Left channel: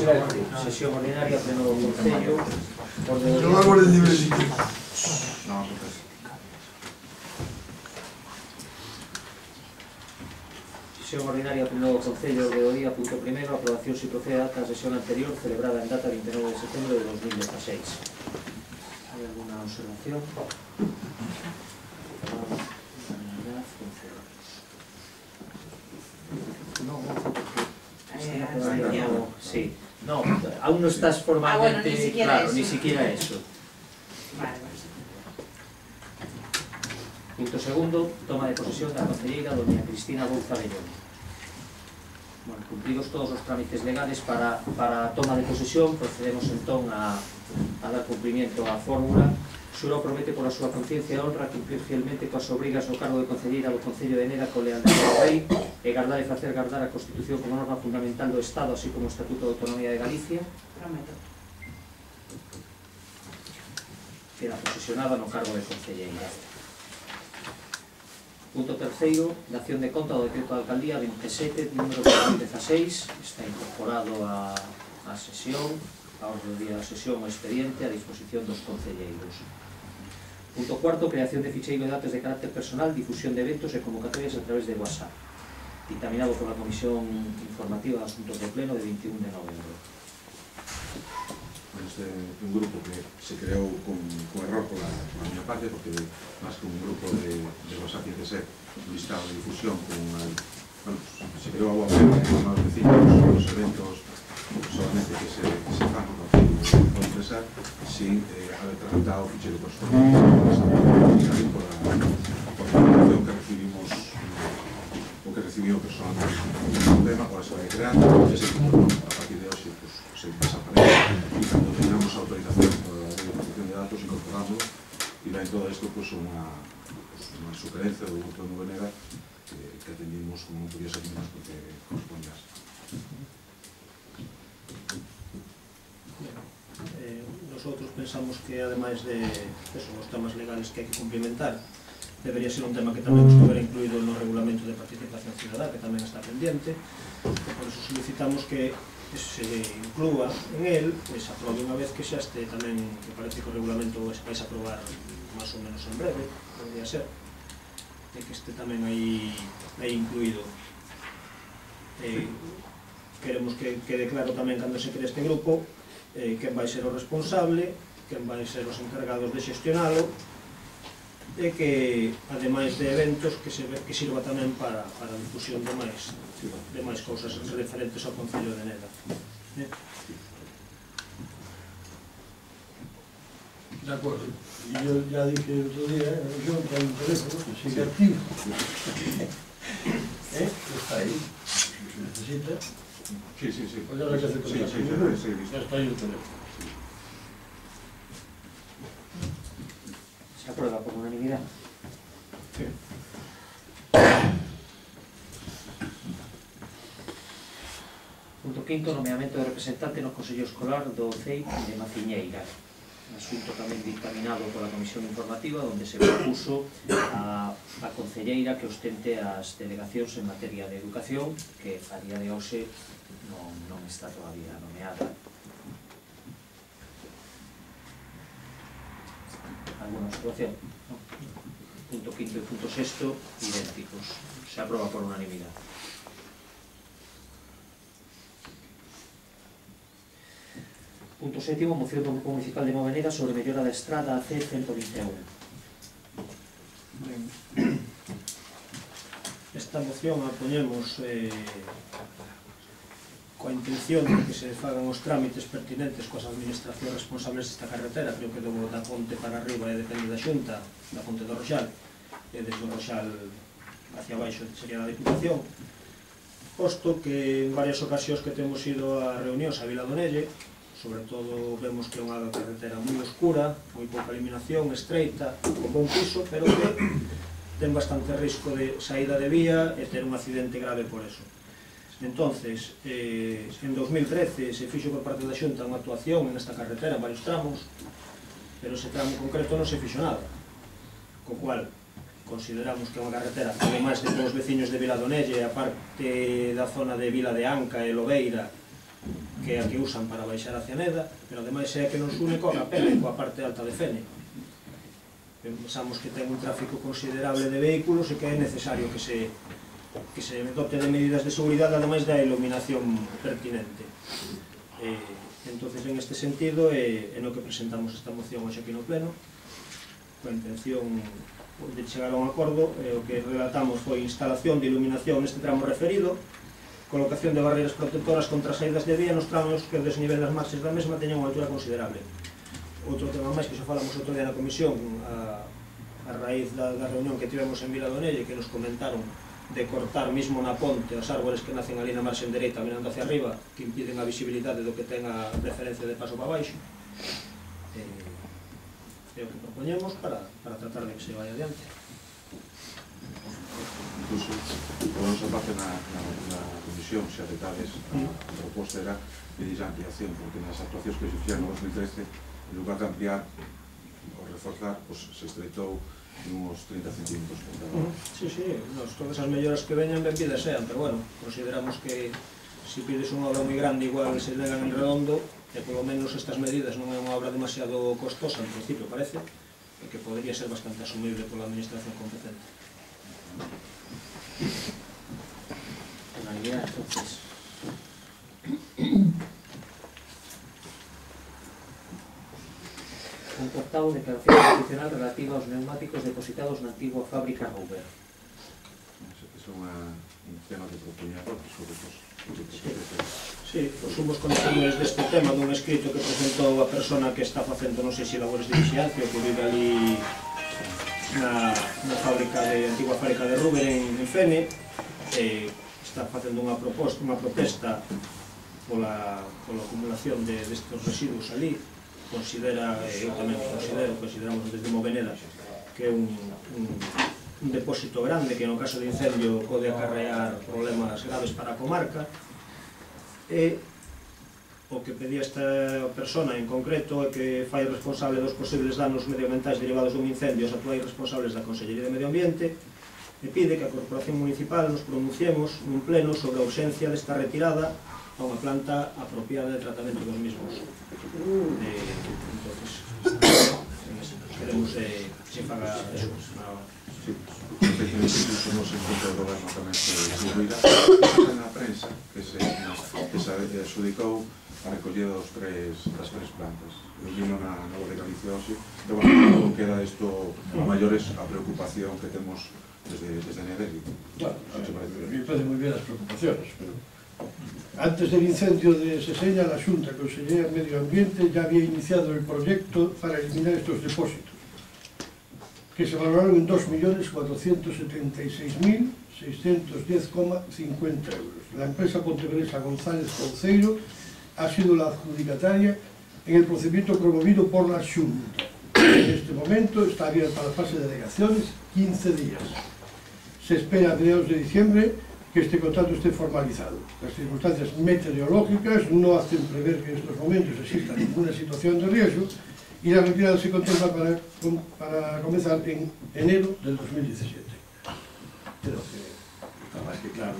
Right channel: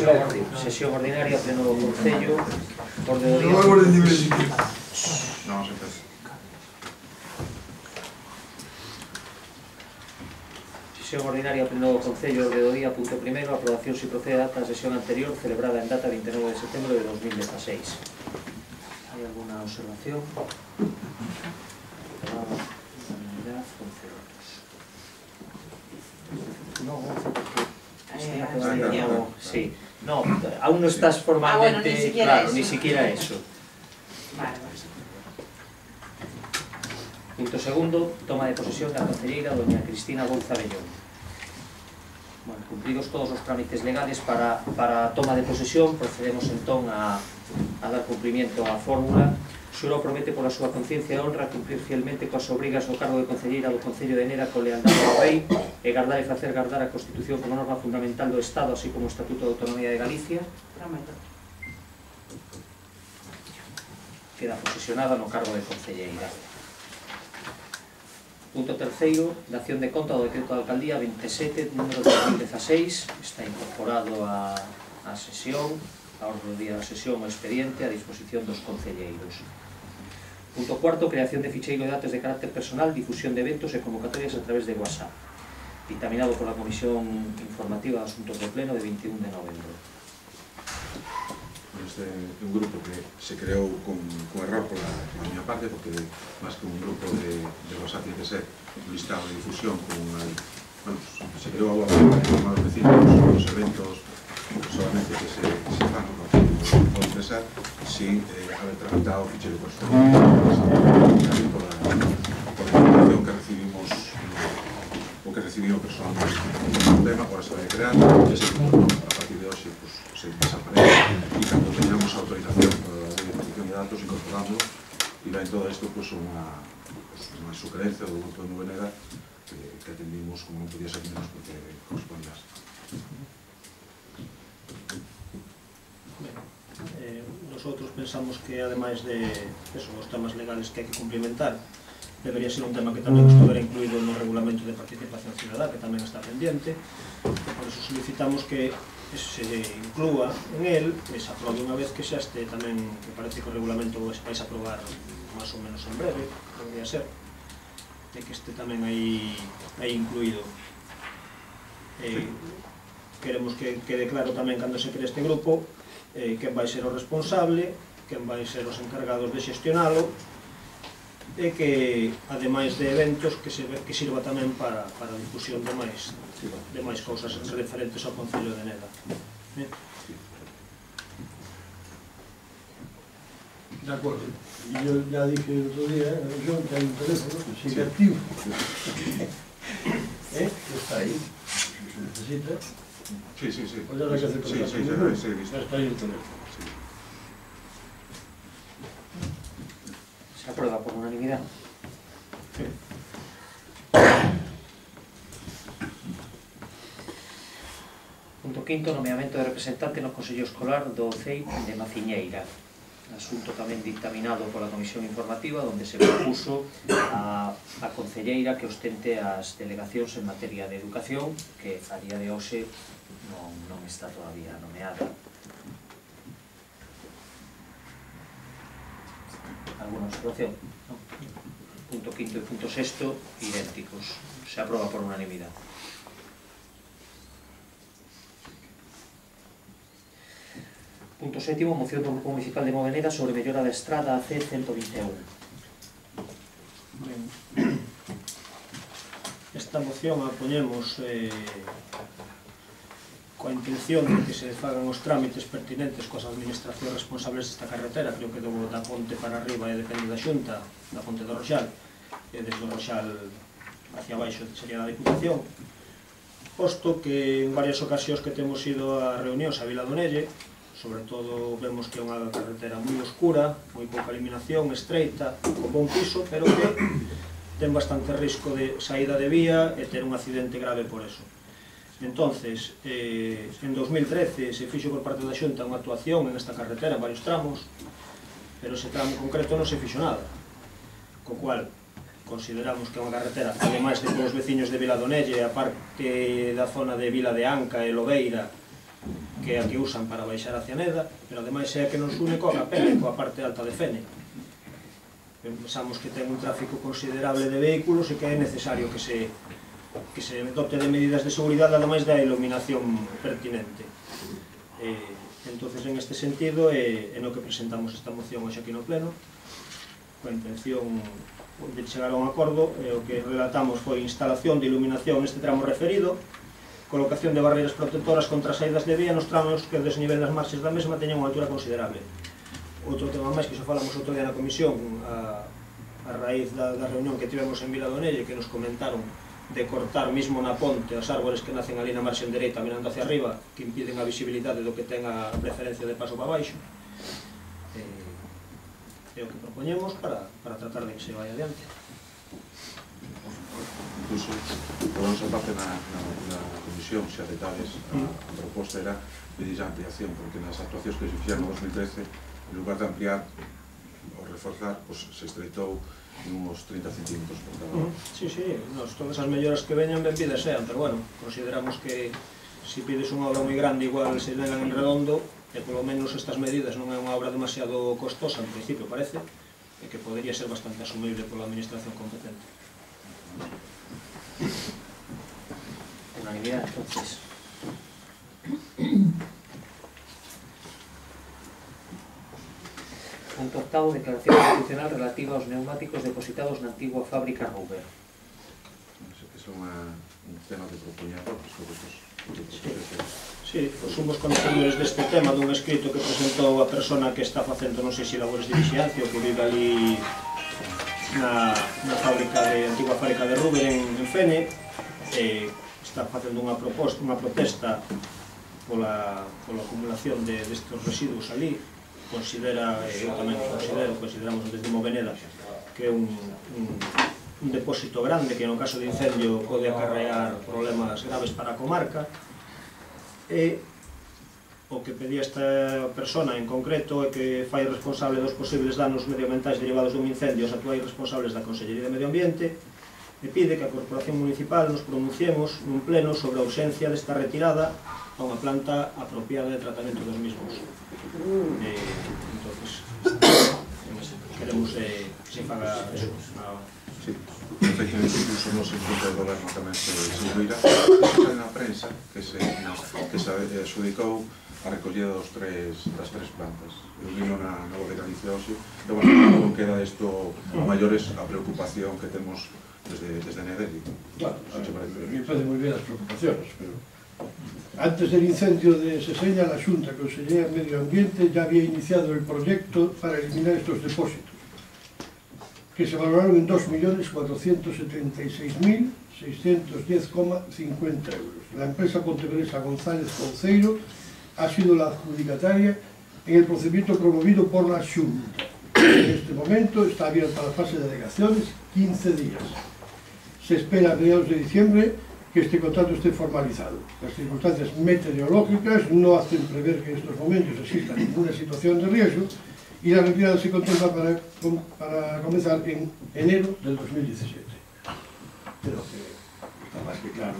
Sesión ordinaria, pleno do Concello, orde do día. Sesión ordinaria, pleno do Concello, orde do día, punto primeiro, aprobación se procede a sesión anterior celebrada en data 29 de setembro de 2016. Hai alguna observación? Sí, no, aún no estás formalmente, claro, ni siquiera eso. Punto segundo, toma de posesión da concelleira doña Cristina Bouza Bellón. Bueno, cumplidos todos os trámites legales para a toma de posesión, procedemos entón a dar cumplimiento á fórmula. Xuro promete pola súa conciencia e honra cumplir fielmente coas obrigas do cargo de concelleira do Concello de Enera con lealdade ao Rei e gardar e facer gardar a Constitución como norma fundamental do Estado, así como o Estatuto de Autonomía de Galicia. Prometo. Queda posesionada no cargo de concelleira. Punto terceiro, dación de conta do decreto da Alcaldía 27, número 2016, está incorporado á sesión, a orde do día da sesión o expediente a disposición dos concelleiros. Punto cuarto, creación de ficheiro de datos de carácter personal, difusión de eventos e convocatorias a través de WhatsApp, dictaminado pola Comisión Informativa de Asuntos do Pleno de 21 de novembro. Este é un grupo que se creou con error pola miña parte, porque máis que un grupo de WhatsApp tiene que ser un listado de difusión con se creou a informar aos vecinos os eventos solamente que se fan no Concello do Empresar sin haber tramitado o ficheiro personal por a información que recibimos o que recibiu personalmente o tema, agora se vai creando e se a partir de hoxe se desaparece e cando teñamos autorización para a protección de datos incorporándolo e vai todo isto unha sugerencia do grupo de Nubenega que atendimos como non podía ser menos porque corresponde a Nosotros pensamos que ademais de os temas legales que hai que cumplimentar debería ser un tema que tamén estuviera incluído no regulamento de participación ciudadá, que tamén está pendiente, e por eso solicitamos que se inclúa en el, que se aprobe unha vez que xa este tamén, que parece que o regulamento vais a aprobar máis ou menos en breve, podría ser, e que este tamén aí incluído. Queremos que quede claro tamén cando se cree este grupo quen vai ser o responsable, quen vai ser os encargados de xestionalo e que, ademais de eventos, que sirva tamén para a difusión de máis cousas referentes ao Concello de Neda. De acuerdo. Y yo ya dije el otro día en la reunión que hay un teléfono que sigue activo. Está ahí. Si necesita. Sí. Pues ya habrá que hacer cosas. Sí. Está ahí el teléfono. Se aprueba por unanimidad. Sí. Punto quinto, nomeamento de representante no Consello Escolar do CEI de Maciñeira. Asunto tamén dictaminado pola Comisión Informativa, onde se propuso a concelleira que ostente as delegacións en materia de educación, que a día de hoxe non está todavía nomeada. Alguna observación? No. Punto quinto e punto sexto, idénticos. Se aproba por unanimidade. Punto sétimo, moción do Grupo Municipal de Moveneda sobre mellora da estrada AC-121. Esta moción a poñemos coa intención de que se fagan os trámites pertinentes coas administracións responsables desta carretera, creo que da ponte para arriba e depende da Xunta, da ponte do Roxal, e desde o Roxal hacia baixo sería da Diputación, posto que en varias ocasións que temos ido a reunións a Vila do Nelle, sobre todo vemos que é unha carretera moi oscura, moi pouca iluminación, estreita, con bon piso, pero que ten bastante risco de saída de vía e ter un accidente grave por eso. Entonces, en 2013 se fixo por parte da Xunta unha actuación en esta carretera en varios tramos, pero ese tramo concreto non se fixo nada, co cual consideramos que é unha carretera, ademais de que os veciños de Vila do Nelle, a parte da zona de Vila de Anca e Lobeira, que é a que usan para baixar a Cianeda, pero ademais é a que nos une coa capela e coa parte alta de Fene. Pensamos que ten un tráfico considerable de vehículos e que é necesario que se dote de medidas de seguridade ademais da iluminación pertinente. Entonces, en este sentido, é no que presentamos esta moción hoxe aquí no Pleno, coa intención de chegar a un acordo. O que relatamos foi instalación de iluminación neste tramo referido, colocación de barreiras protectoras contra as saídas de vía nos tramos que o desnivel das marxes da mesma teñan unha altura considerable. Outro tema máis que xa falamos outro día na comisión, a raíz da reunión que tivemos en Viladonelle, que nos comentaron de cortar mismo na ponte as árbores que nacen ali na marxen dereita mirando hacia arriba, que impiden a visibilidade do que ten a preferencia de paso para baixo. É o que propoñemos para tratar de que se vai adiante. Incluso, por nosa parte, na comisión, se aceptades, a proposta era pedir a ampliación, porque nas actuacións que se fixeron no 2013, en lugar de ampliar ou reforzar, se estreitou uns 30 centímetros por cada hora. Sí, todas as melloras que veñan benvidas sean, pero bueno, consideramos que se pides unha obra moi grande, igual se legan en redondo, e polo menos estas medidas non é unha obra demasiado costosa, en principio parece, e que podería ser bastante asumible pola administración competente. Unanimidad, entonces. Punto octavo, declaración institucional relativa aos neumáticos depositados na antigua fábrica Rouber. É un tema que propoñía a todos, sobre todo. Sí, somos conocedores deste tema dun escrito que presentou a persona que está facendo, non sei se labores de vixiancia, que vive ali na antigua fábrica de Rouber en Fene. Está facendo unha protesta pola acumulación destes residuos ali. Eu tamén consideramos desde Moveneda que é un depósito grande que no caso de incendio pode acarrear problemas graves para a comarca. E o que pedía esta persona en concreto é que fai responsable dos posibles danos medioambientais derivados dun incendio os actuais responsables da Consellería de Medio Ambiente, e pide que a Corporación Municipal nos pronunciemos nun pleno sobre a urxencia desta retirada a unha planta apropiada de tratamento dos mismos. Entonces, queremos que se faga eso. Sí, efectivamente, incluso nos encontro do goberno tamén se incluirá. Está na prensa que se adxudicou a recollida das tres plantas. Eu vino na Nova de Galicia hoxe, e bueno, non queda isto a maiores a preocupación que temos desde Nedeli. Claro, a mí me parecen moi bien as preocupaciones, pero antes del incendio de Seseña, la Xunta Consellería de Medio Ambiente ya había iniciado el proyecto para eliminar estos depósitos, que se valoraron en 2.476.610,50 euros. La empresa pontevedresa González Conceiro ha sido la adjudicataria en el procedimiento promovido por la Xunta. En este momento está abierta la fase de alegaciones, 15 días. Se espera a mediados de diciembre que este contrato esté formalizado. Las circunstancias meteorológicas no hacen prever que en estos momentos exista ninguna situación de riesgo y la retirada se contempla para comenzar en enero del 2017. Creo que está más que claro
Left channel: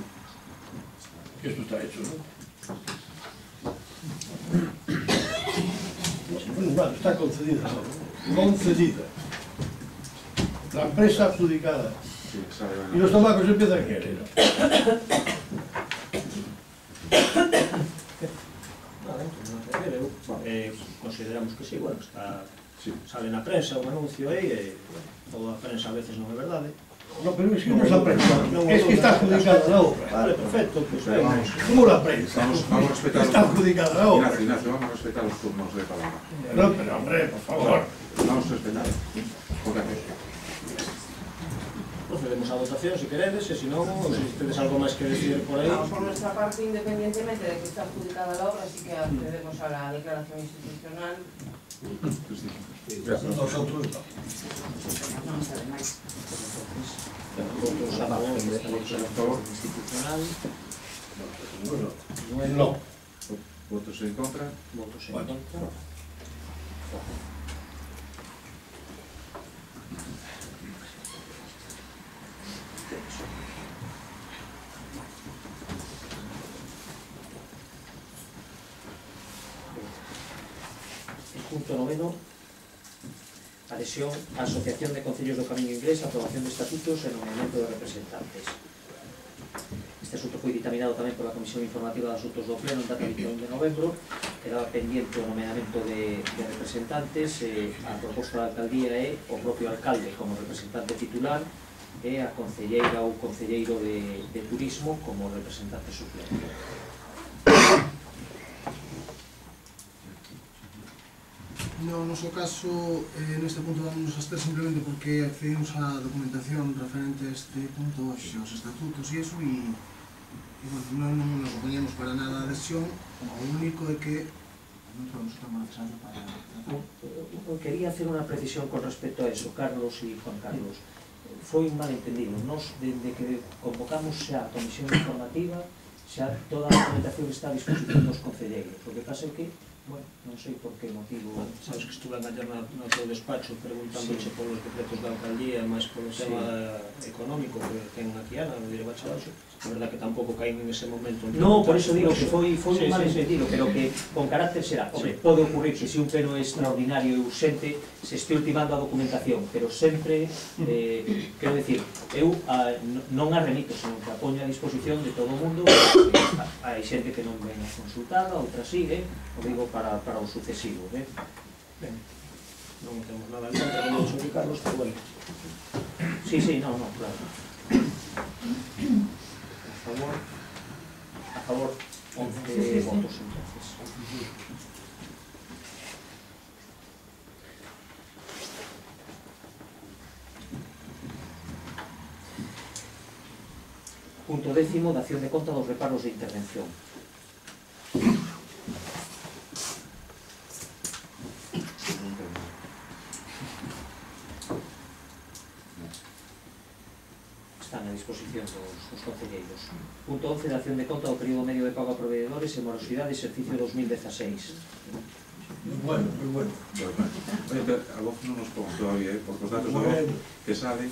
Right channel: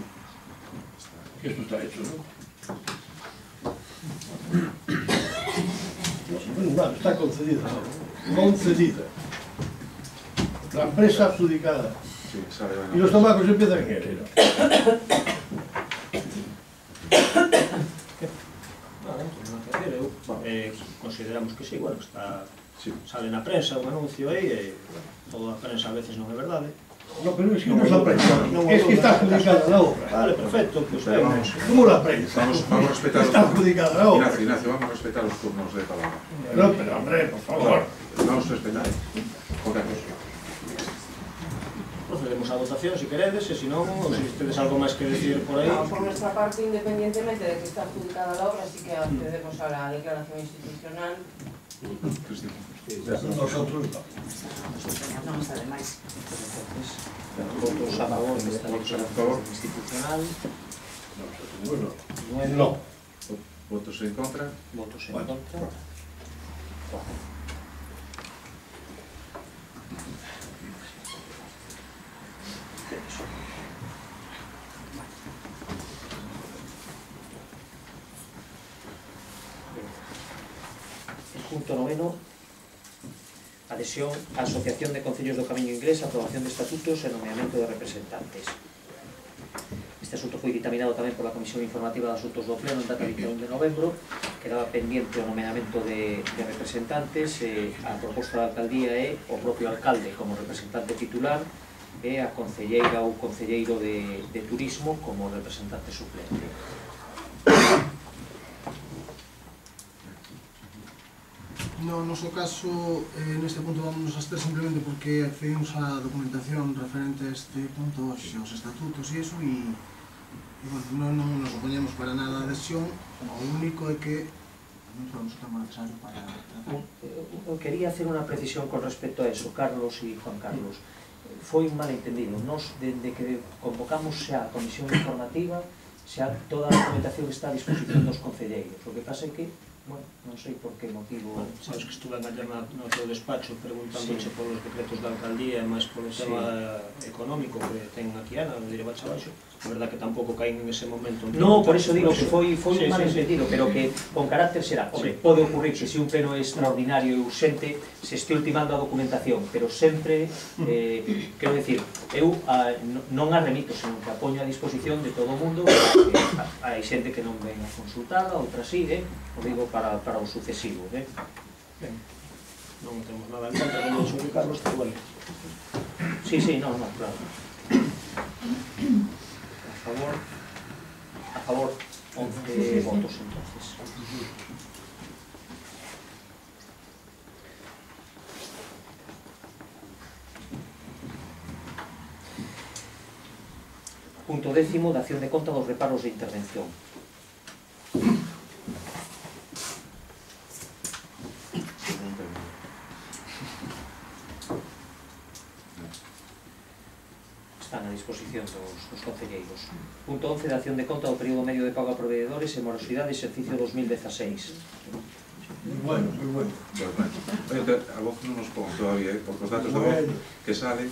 que esto está hecho, ¿no? Bueno, está concedida, ¿no? Concedida. La empresa adjudicada. Y los tomacos empiezan en enero. Consideramos que sí, bueno, sale na prensa un anuncio aí, toda a prensa a veces non é verdade. No, pero es que no es la prensa, es que está adjudicada la obra. Vale, perfecto, pues ¿cómo la prensa? Vamos a respetar está adjudicada la obra. Ignacio, vamos a respetar los turnos de palabra. No, pero hombre, por favor. Vamos a respetar. Procedemos a votación, si queredes, e se non, se tedes algo máis que decir por aí. No, por nuestra parte, independientemente de que está adjudicada la obra, sí que accedemos a la declaración institucional. Nosotros no. Non está de máis. Votos a favor desta declaración institucional. No. Votos en contra. Votos en contra. Punto 9. Adhesión á Asociación de Concellos do Camiño Inglés, aprobación de estatutos e nomeamento de representantes. Este asunto foi dictaminado tamén pola Comisión Informativa de Asuntos do Pleno en data 21 de novembro. Quedaba pendiente o nomeamento de representantes. A proposta da alcaldía é o propio alcalde como representante titular e a concelleira ou concelleiro de turismo como representante suplente. No noso caso, neste punto vamos a estar simplemente porque accedimos á documentación referente a este punto, aos estatutos e iso, e bueno, non nos opoñemos para nada a adhesión. O único é que non sabemos o tema necesario para tratar. Quería hacer unha precisión con respecto a eso, Carlos e Juan Carlos. Foi un malentendido. Nos, dende que convocamos xa a comisión informativa, xa toda a documentación está a disposición dos concelleiros. O que pasa é que, bueno, non sei por que motivo... Sabes que estuve ayer no teu despacho preguntándoche polos decretos da alcaldía e máis polo tema económico que ten aquí Ana, no diré baixo abaixo. A verdad que tampouco caín en ese momento. No, por eso digo que foi un malentendido, pero que con carácter será. Hombre, pode ocurrir que se un pleno é extraordinario e urgente se este ultimando a documentación, pero sempre, quero decir, eu non a remito, senón que a poño a disposición de todo o mundo. Hai xente que non ven a consultada, outra sí, o digo para o sucesivo. Ben, non temos nada en contra de sobre Carlos, pero bueno. Sí, no, claro. A favor 11 votos entonces. Punto 10, dación de conta dos reparos de intervención. Están a disposición dos concelleiros. Punto 11, dación de conta do período medio de pago a proveedores e morosidade exercicio 2016. Muy bueno, muy bueno. Oye, a voz non nos pongo todavía, porque os datos de voz que salen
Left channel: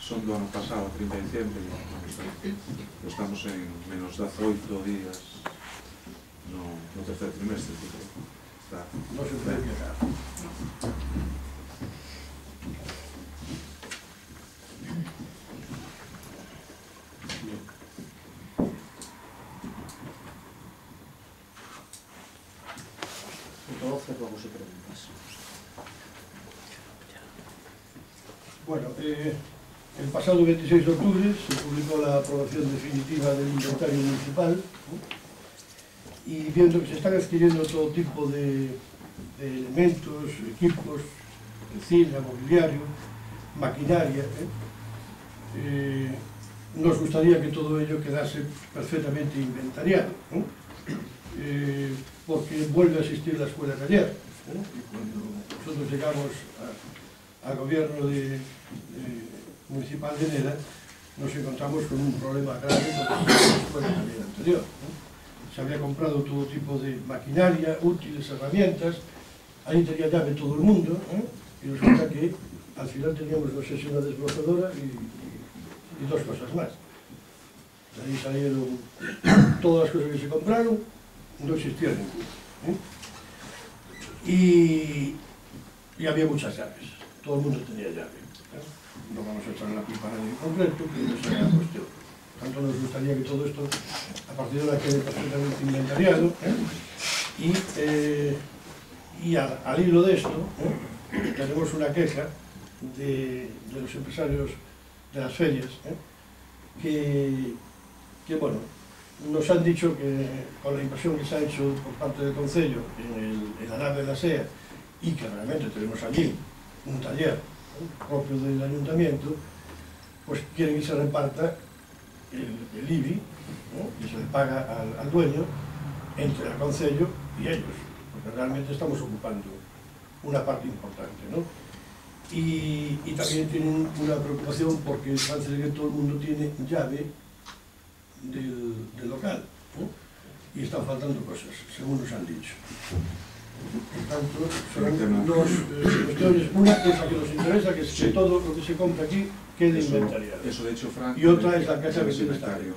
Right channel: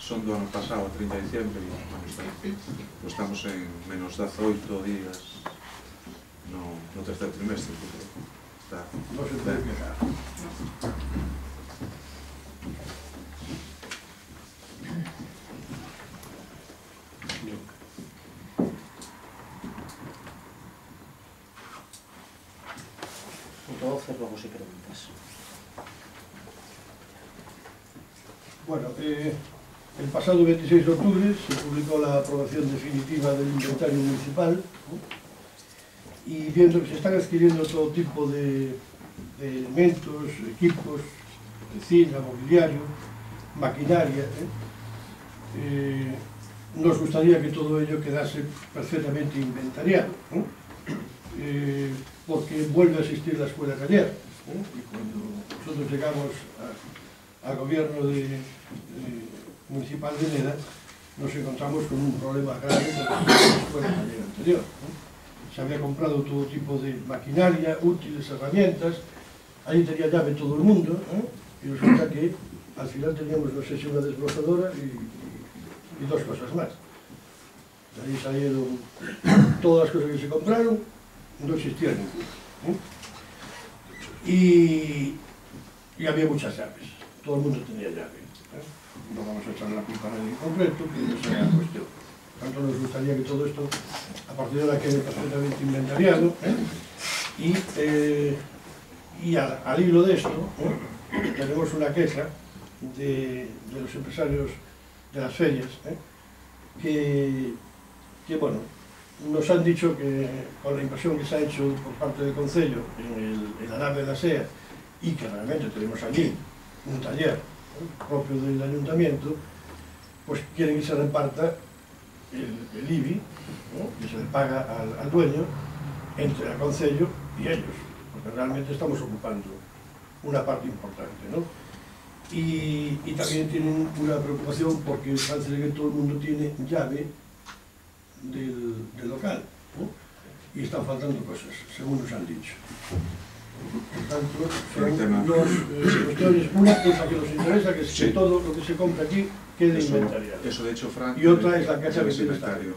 son do ano pasado, 30 de diciembre, e estamos en menos 18 días no tercer trimestre. Está... No se puede quejar. Punto 12, luego si preguntas. Bueno, el pasado 26 de octubre se publicó la aprobación definitiva del inventario municipal, ¿no? Y viendo que se están adquiriendo todo tipo de elementos, equipos, cocina, mobiliario, maquinaria, nos gustaría que todo ello quedase perfectamente inventariado, ¿no? Porque vuelve a existir la escuela taller, y cuando nosotros llegamos al gobierno municipal de Neda, nos encontramos con un problema grave con la escuela taller anterior, ¿no? Se había comprado todo tipo de maquinaria, útiles, herramientas, ahí tenía llave todo el mundo, y resulta que al final teníamos, no sé si una desbrozadora y dos cosas más. De ahí salieron todas las cosas que se compraron, no existía ninguna. Y había muchas llaves, todo el mundo tenía llave. No vamos a echarle la culpa a nadie en concreto, que esa era la cuestión. Por tanto, nos gustaría que todo esto, a partir de ahora, quede perfectamente inventariado. Y al hilo de esto, tenemos una queja de los empresarios de las ferias, que bueno, nos han dicho que con la inversión que se ha hecho por parte del Concello en la nave de la SEA, y que realmente tenemos allí un taller propio del Ayuntamiento, pues quieren que se reparta el IBI, ¿no? Que se le paga al dueño entre el Concello y ellos, porque realmente estamos ocupando una parte importante, ¿no? Y también tienen una preocupación porque parece que todo el mundo tiene llave del local, ¿no? Y están faltando cosas, según nos han dicho. Por tanto, son dos cuestiones. Una es la que nos interesa, que es que todo lo que se compra aquí quede inventariado. Eso de hecho, Frank, Y otra es la casa que tiene esta inventario.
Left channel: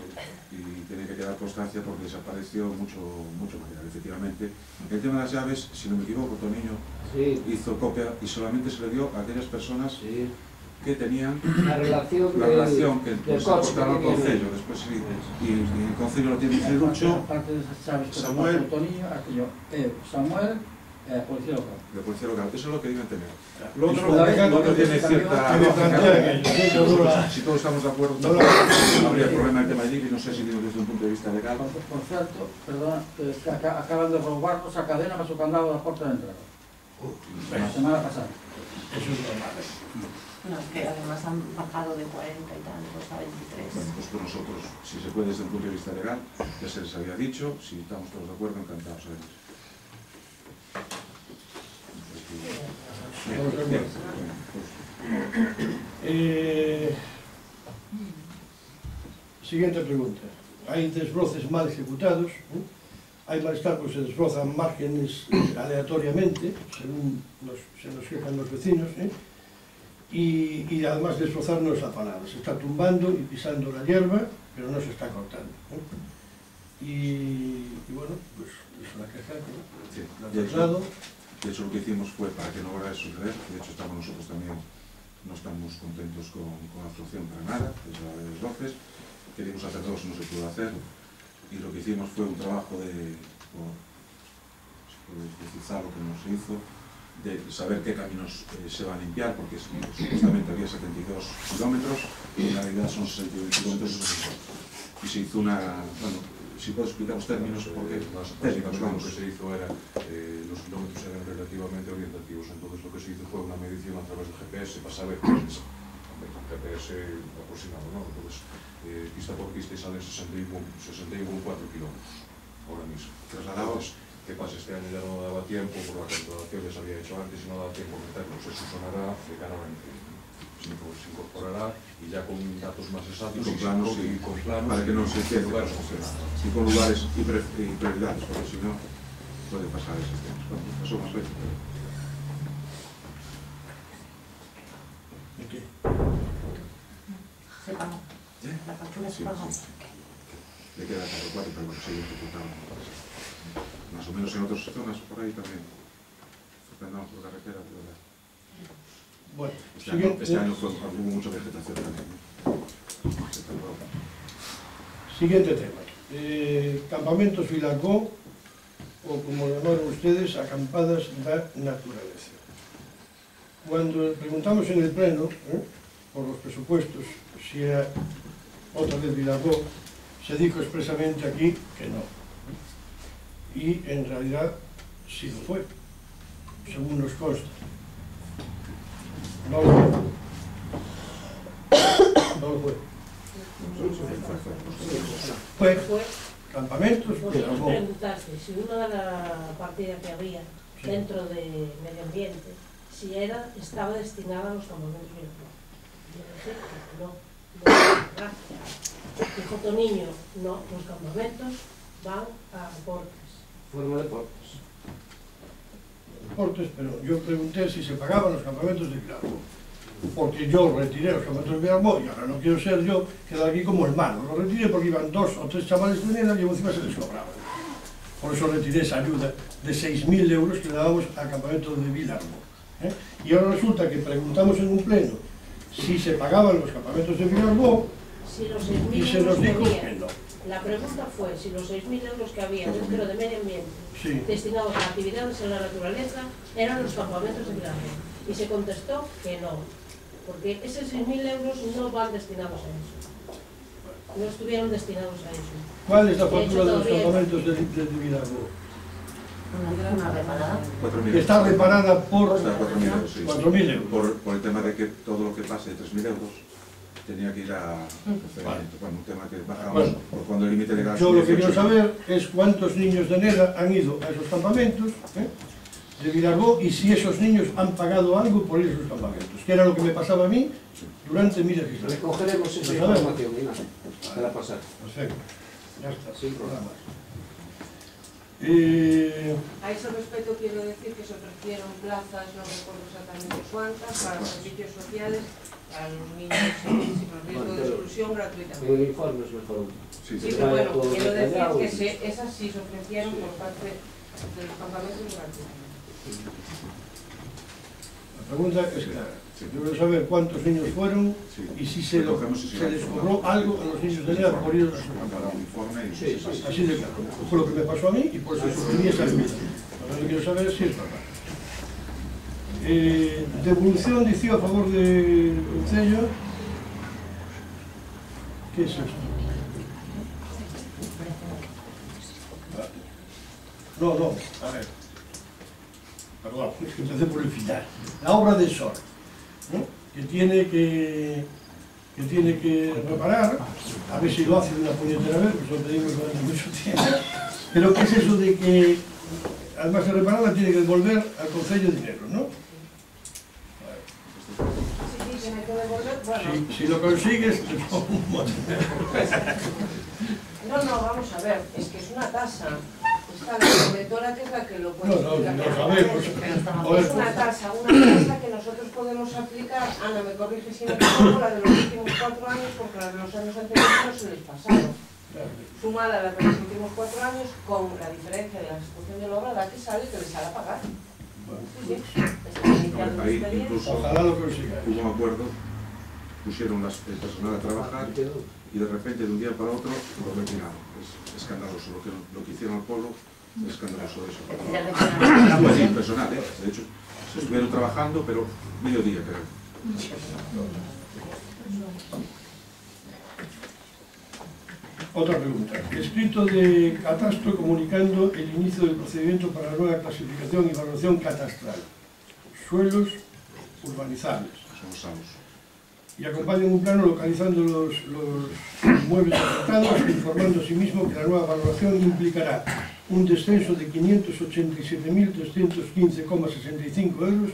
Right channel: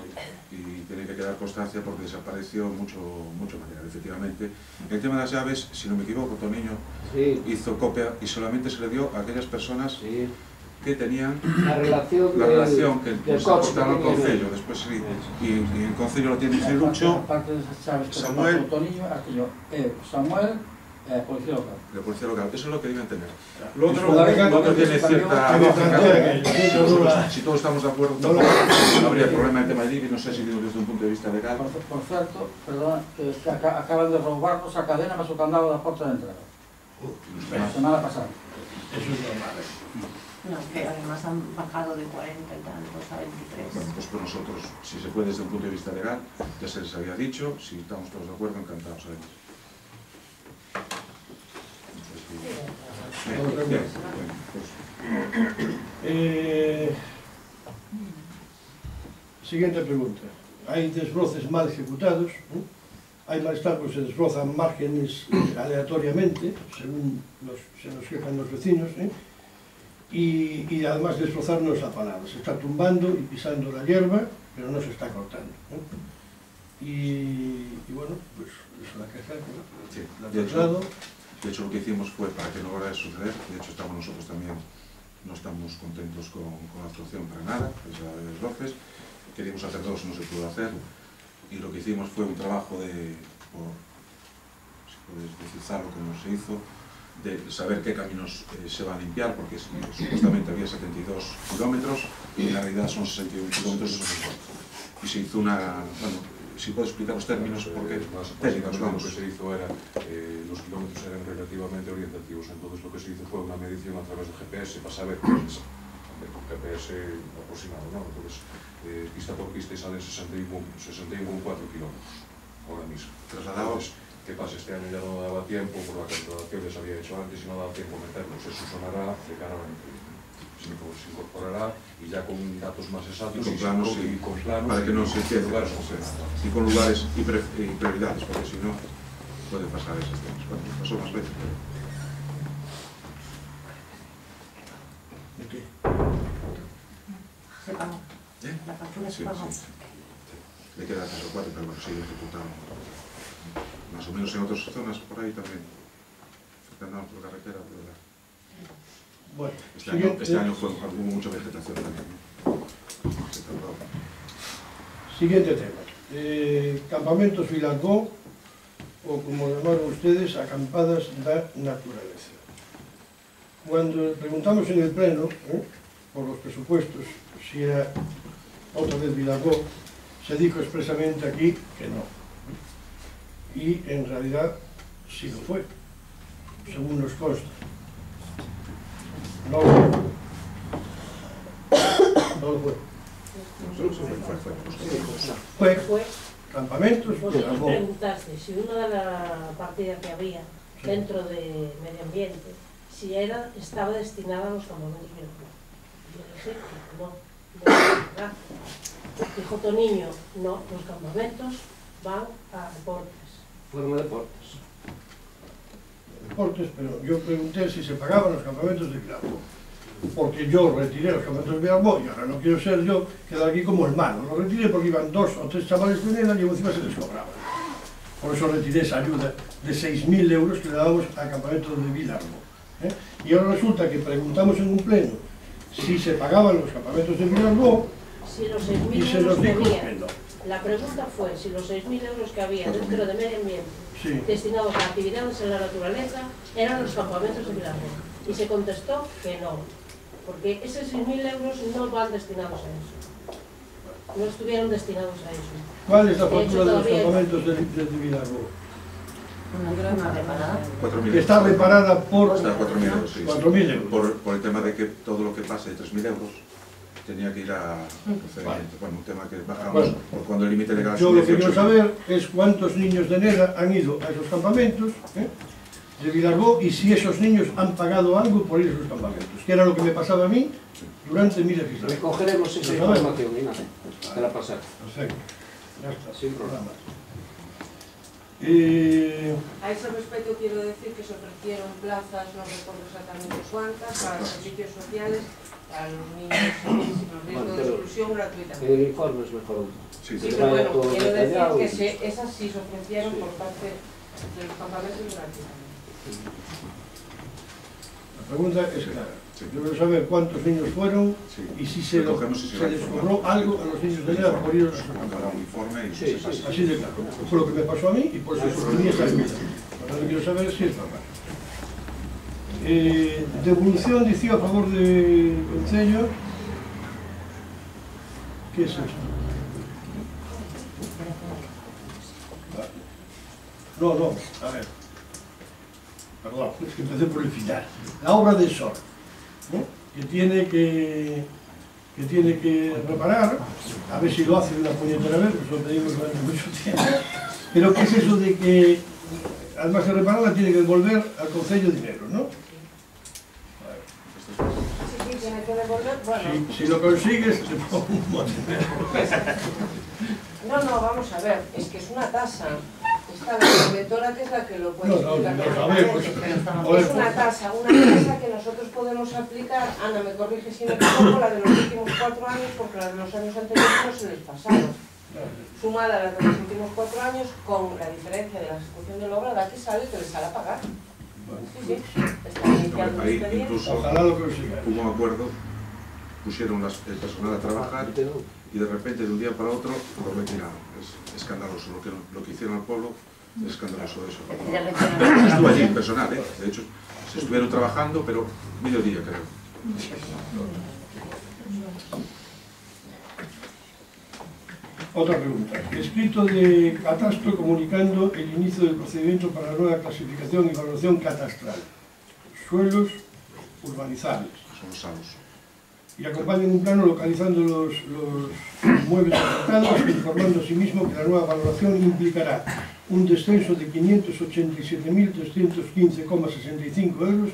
Y tiene que quedar constancia porque desapareció mucho material, efectivamente. El tema de las llaves, si no me equivoco, Toniño hizo copia y solamente se le dio a aquellas personas que tenían la relación que se aportaba al Concello. Después sí, y el Concello lo tiene Cirucho, Aparte de esas chaves que Samuel, Toniño, aquello Samuel, Policía Local. de Policía Local. Eso es lo que deben tener. Lo Lo otro tiene cierta lógica. Si todos estamos de acuerdo, no habría problema en el tema de IBI. No sé si digo desde un punto de vista legal. Por cierto, perdona, que acaban de robarnos a cadena más o candado da porta de entrada. La semana pasada. Eso es normal. No, que además han bajado de 40 y tantos a 23. Bueno, pues por nosotros, si se puede desde un punto de vista legal, ya se les había dicho. Si estamos todos de acuerdo, encantados. Bien. Siguiente pregunta. Hay desbroces mal ejecutados, hay malestar porque se desbrozan márgenes aleatoriamente, según se nos quejan los vecinos, y además desbrozar no es la palabra, se está tumbando y pisando la hierba, pero no se está cortando. Y bueno, pues es una queja que la traslado. De hecho, lo que hicimos fue para que no volviera a suceder. De hecho, estamos nosotros también, no estamos contentos con la actuación para nada, es la de desbroces. Queríamos hacer dos, no se pudo hacer. Y lo que hicimos fue un trabajo si puedes precisar lo que no se hizo, de saber qué caminos se van a limpiar, porque supuestamente había 72 kilómetros y en la realidad son 61 kilómetros, eso es mejor. Y se hizo una... Bueno, si puedo explicar los términos, porque técnicos, vamos. Lo que se hizo era, los kilómetros eran relativamente orientativos, entonces lo que se hizo fue una medición a través del GPS para saber, con GPS aproximado, ¿no? Entonces, pista por pista salen 61,4 kilómetros ahora mismo. Trasladados. ¿Qué pasa? Este año ya no daba tiempo, por la calculación ya se había hecho antes y no daba tiempo a meterlos. Eso sonará de cara a la entrevista. Se incorporará y ya con datos más exactos y con planos para que no se quede lugares y con lugares y prioridades, porque si no puede pasar esas cosas. Bueno, pasó más veces. ¿De qué? Se pagó. La factura se pagó. Sí. Le queda caso 4, pero bueno, sigue ejecutando. Más o menos en otras zonas por ahí también. Andamos por carretera, de verdad. Bueno, este año hubo mucha vegetación también. Siguiente tema. Campamentos Vilargó, o como llamaron ustedes, acampadas da naturaleza. Cuando preguntamos en el pleno, por los presupuestos, si era otra vez Vilargó, se dijo expresamente aquí que no. Y en realidad sí lo fue, según nos consta. No lo fue. Fue campamentos. Vosotros preguntaste si una de la partida que había dentro de medio ambiente, si estaba destinada a los campamentos Vilargó. Yo dije que no, ¿verdad? Dijo Toniño, no, los campamentos van a deportes. Fueron a deportes. Deportes, pero yo pregunté si se pagaban los campamentos de Vilargó, porque yo retiré los campamentos de Vilargó y ahora no quiero ser yo, quedar aquí como el malo. Lo retiré porque iban 2 o 3 chavales de Nela y encima se les cobraban. Por eso retiré esa ayuda de 6.000 euros que le dábamos al campamento de Vilargó. Y ahora resulta que preguntamos en un pleno si se pagaban los campamentos de Vilargó Si los y 6.000 se nos euros dijo que que había, no. la pregunta fue si los 6.000 euros que había dentro de medio ambiente Sí. destinados a actividades en la naturaleza eran los campamentos de Vilargó. Y se contestó que no, porque esos 6.000 euros no van destinados a eso. No estuvieron destinados a eso. ¿Cuál es la De hecho, factura de los todavía- campamentos de Vilargó? Una reparada. 4.000 Que está reparada por Está a 4.000 euros, sí. 4.000 euros. Por el tema de que todo lo que pase de 3.000 euros tenía que ir a procedimiento. Bueno, un tema que bajamos Bueno, por cuando el límite legal Yo son lo que 18. quiero saber es cuántos niños de Nela han ido a esos campamentos de Vilargó y si esos niños han pagado algo por ir a esos campamentos, que era lo que me pasaba a mí durante mi legislatura. Recogeremos esa Lo sabemos. información y nada, te la pasar. Perfecto, ya está, Sin problema. A ese respecto quiero decir que se ofrecieron plazas, no recuerdo exactamente cuántas, para los servicios sociales, para los niños con riesgo de exclusión gratuitamente. El informe es mejor. Sí, pero bueno, quiero decir que esas sí se ofrecieron por parte de los campamentos gratuitamente. La pregunta es clara. Yo quiero saber cuántos niños fueron y si se les cobró algo a los niños de edad por ir a su informe. Así de claro. Fue lo que me pasó a mí y por eso sostenía esa ayuda. Ahora quiero saber si es normal. Devolución, decía, a favor del Concello. ¿Qué es esto? No, a ver. Perdón, es que empecé por el final. La obra de SOR, ¿no? que tiene que reparar, a ver si lo hace de una puñetera vez, porque eso lo pedimos durante mucho tiempo. Pero ¿qué es eso de que, además de repararla, tiene que devolver al Concello dinero, ¿no? Sí, tiene que devolver, bueno. Si lo consigues, te pongo un montón. No, vamos a ver, es que es una tasa. Está la inventora que es la que lo puede explicar. Es una tasa que nosotros podemos aplicar. Ana, me corrige si me equivoco, la de los últimos 4 años, porque la de los años anteriores no se les pasaron. Sumada a la de los últimos 4 años, con la diferencia de la ejecución de la obra, la que sale que les sale a pagar. Sí, está iniciando el expediente. Ojalá lo consiga. Hubo un acuerdo, pusieron el personal a trabajar y de repente de un día para otro lo retiraron. Es escandaloso lo que hicieron al pueblo, es escandaloso eso. Estuvo allí personal, de hecho se estuvieron trabajando, pero mediodía creo. Otra pregunta. Escrito de Catastro comunicando el inicio del procedimiento para la nueva clasificación y valoración catastral. Suelos urbanizables. Son salos. Y acompañan un plano localizando los inmuebles afectados, informando asimismo que la nueva valoración implicará un descenso de 587.315,65 euros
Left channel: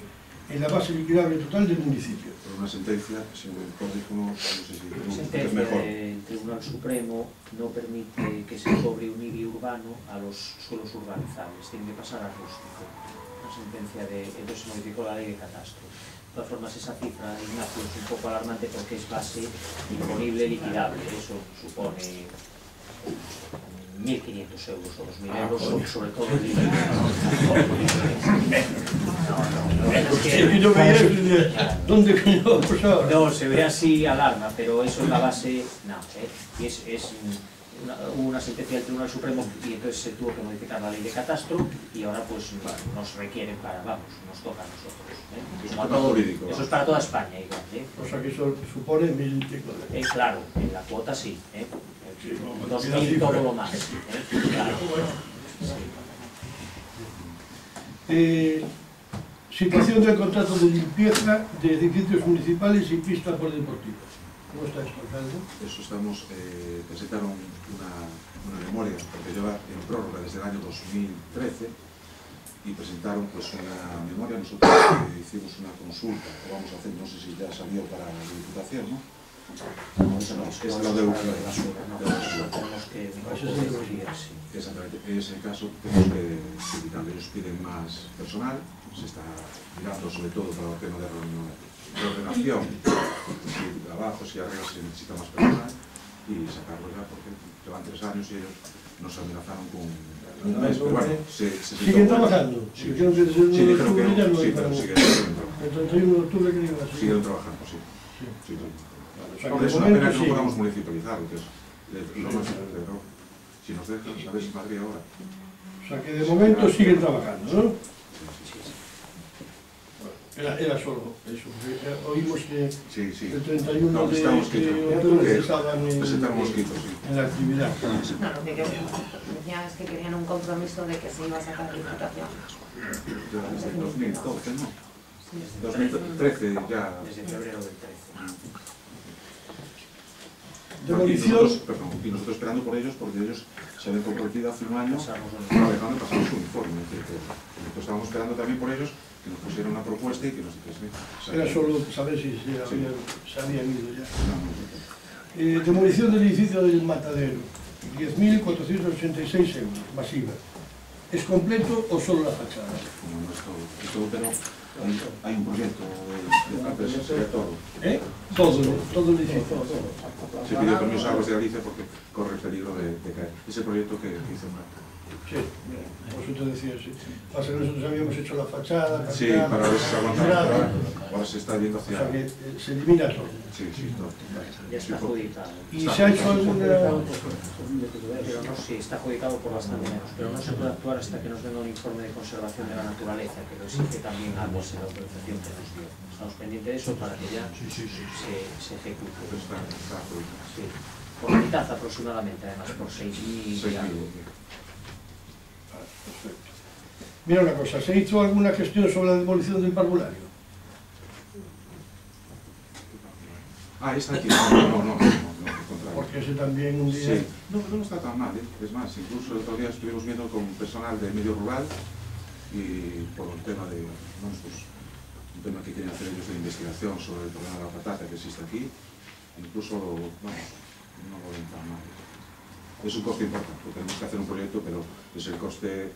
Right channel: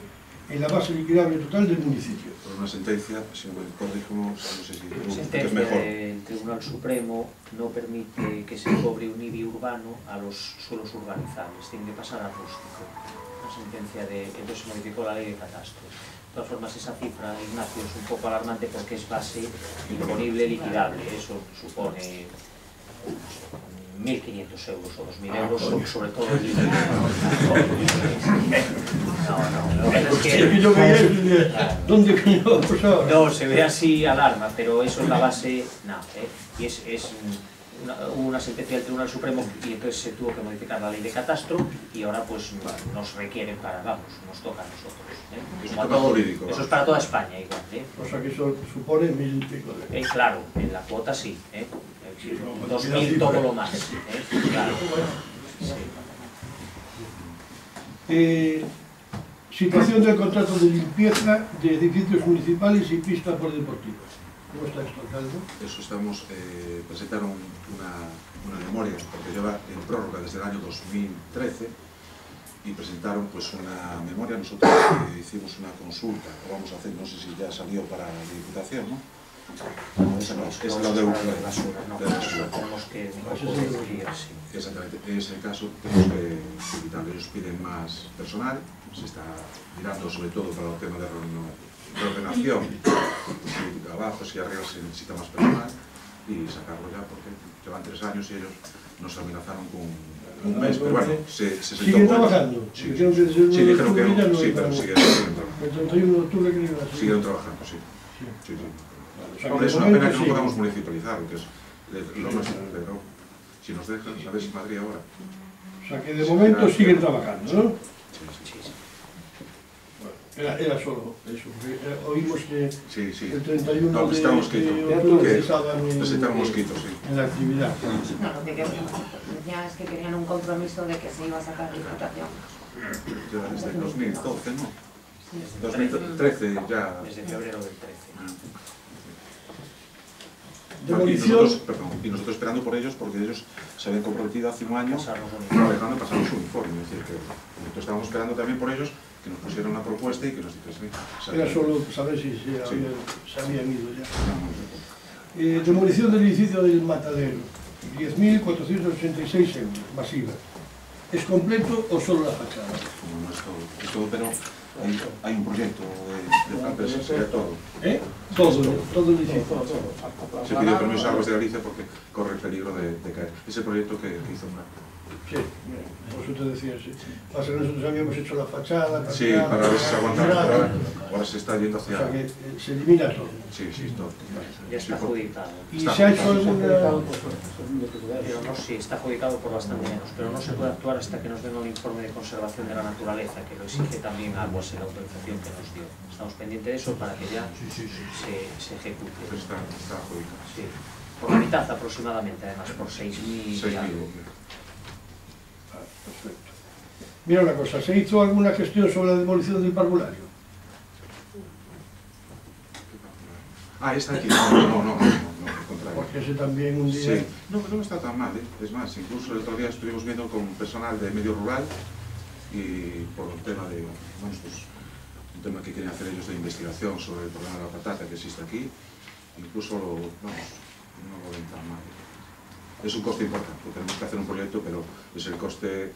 en la base liquidable total del municipio. Por una sentencia, si no me recuerdo, como, no sé si sentencia es mejor. del Tribunal Supremo no permite que se cobre un IBI urbano a los suelos urbanizables, tiene que pasar a rústico. La sentencia entonces se modificó la ley de catastro. De todas formas, esa cifra, Ignacio, es un poco alarmante porque es base imponible liquidable. Eso supone 1.500 euros o 2.000 euros, sobre todo el IBI. No, se ve así, alarma, pero eso es la base, no, y es una sentencia del Tribunal Supremo y entonces se tuvo que modificar la ley de catastro y ahora pues nos requieren nos toca a nosotros. Eso es para toda España igual. O sea que eso supone 1.000 y pico de euros. Claro, en la cuota sí, 2.000 todo lo más. Claro. Sí. Situación del contrato de limpieza de edificios municipales y pista polideportivas. ¿Cómo está esto, alcalde? Eso presentaron una memoria, porque lleva en prórroga desde el año 2013, y presentaron pues una memoria. Nosotros hicimos una consulta, o vamos a hacer, no sé si ya salió para la Diputación, ¿no? Es lo de la basura. Exactamente, en ese caso tenemos que evitar. Ellos piden más personal, se está mirando sobre todo para el tema de reordenación, si abajo, si arriba se necesita más personal, y sacarlo ya, porque llevan 3 años y ellos nos amenazaron con un mes, pero bueno, ¿siguen trabajando? Sí, dijeron que no, sí, pero siguen trabajando. El 31 de octubre que iba a seguir. Siguen trabajando, sí. Es una pena que no podamos municipalizar, que es lo más importante, ¿no? Si nos dejan, a ver si Madrid ahora. O sea que de momento siguen trabajando, ¿no? Era solo eso, porque oímos que el 31 de octubre presentaron mosquitos, en la actividad. No, lo que ya es que querían un compromiso de que se iba a sacar la Diputación. Desde el 2012, ¿no? 2013 ya. Desde febrero del 13. Y nosotros esperando por ellos, porque ellos se habían comprometido hace un año trabajando, pasamos su uniforme. Es decir, que nosotros estábamos esperando también por ellos que nos pusieran una propuesta y que nos dijesen. Era solo saber si se habían ido ya. Demolición del edificio del Matadero, 10.486 euros, masiva. ¿Es completo o solo la fachada? Como no es todo, pero hay un proyecto de plan, pero sería todo. Todo el edificio. Se pidió permiso a Aguas de Galicia porque corre el peligro de caer. Ese proyecto que hizo una... Sí, por eso te decía, sí. Pasa que nosotros habíamos hecho la fachada, sí, para ver si se aguanta, ahora se está yendo hacia... O sea que se elimina todo. Sí, todo. Ya está adjudicado. ¿Y se ha hecho alguna...? Sí, está adjudicado por bastante menos, pero no se puede actuar hasta que nos den un informe de conservación de la naturaleza, que lo exige también Aguas en la autorización que nos dio. Estamos pendientes de eso para que ya se ejecute. Está adjudicado. Sí, por la mitad aproximadamente, además, por 6.000 y algo. Perfecto. Mira una cosa, ¿se hizo alguna gestión sobre la demolición del parvulario? Está aquí. No, al contrario. Porque ese también un día... Sí, no, pero no está tan mal, Es más, incluso el otro día estuvimos viendo con personal de medio rural y por un tema de, un tema que quieren hacer ellos de investigación sobre el problema de la patata que existe aquí, incluso no lo ven tan mal. Es un coste importante, tenemos que hacer un proyecto, pero es el coste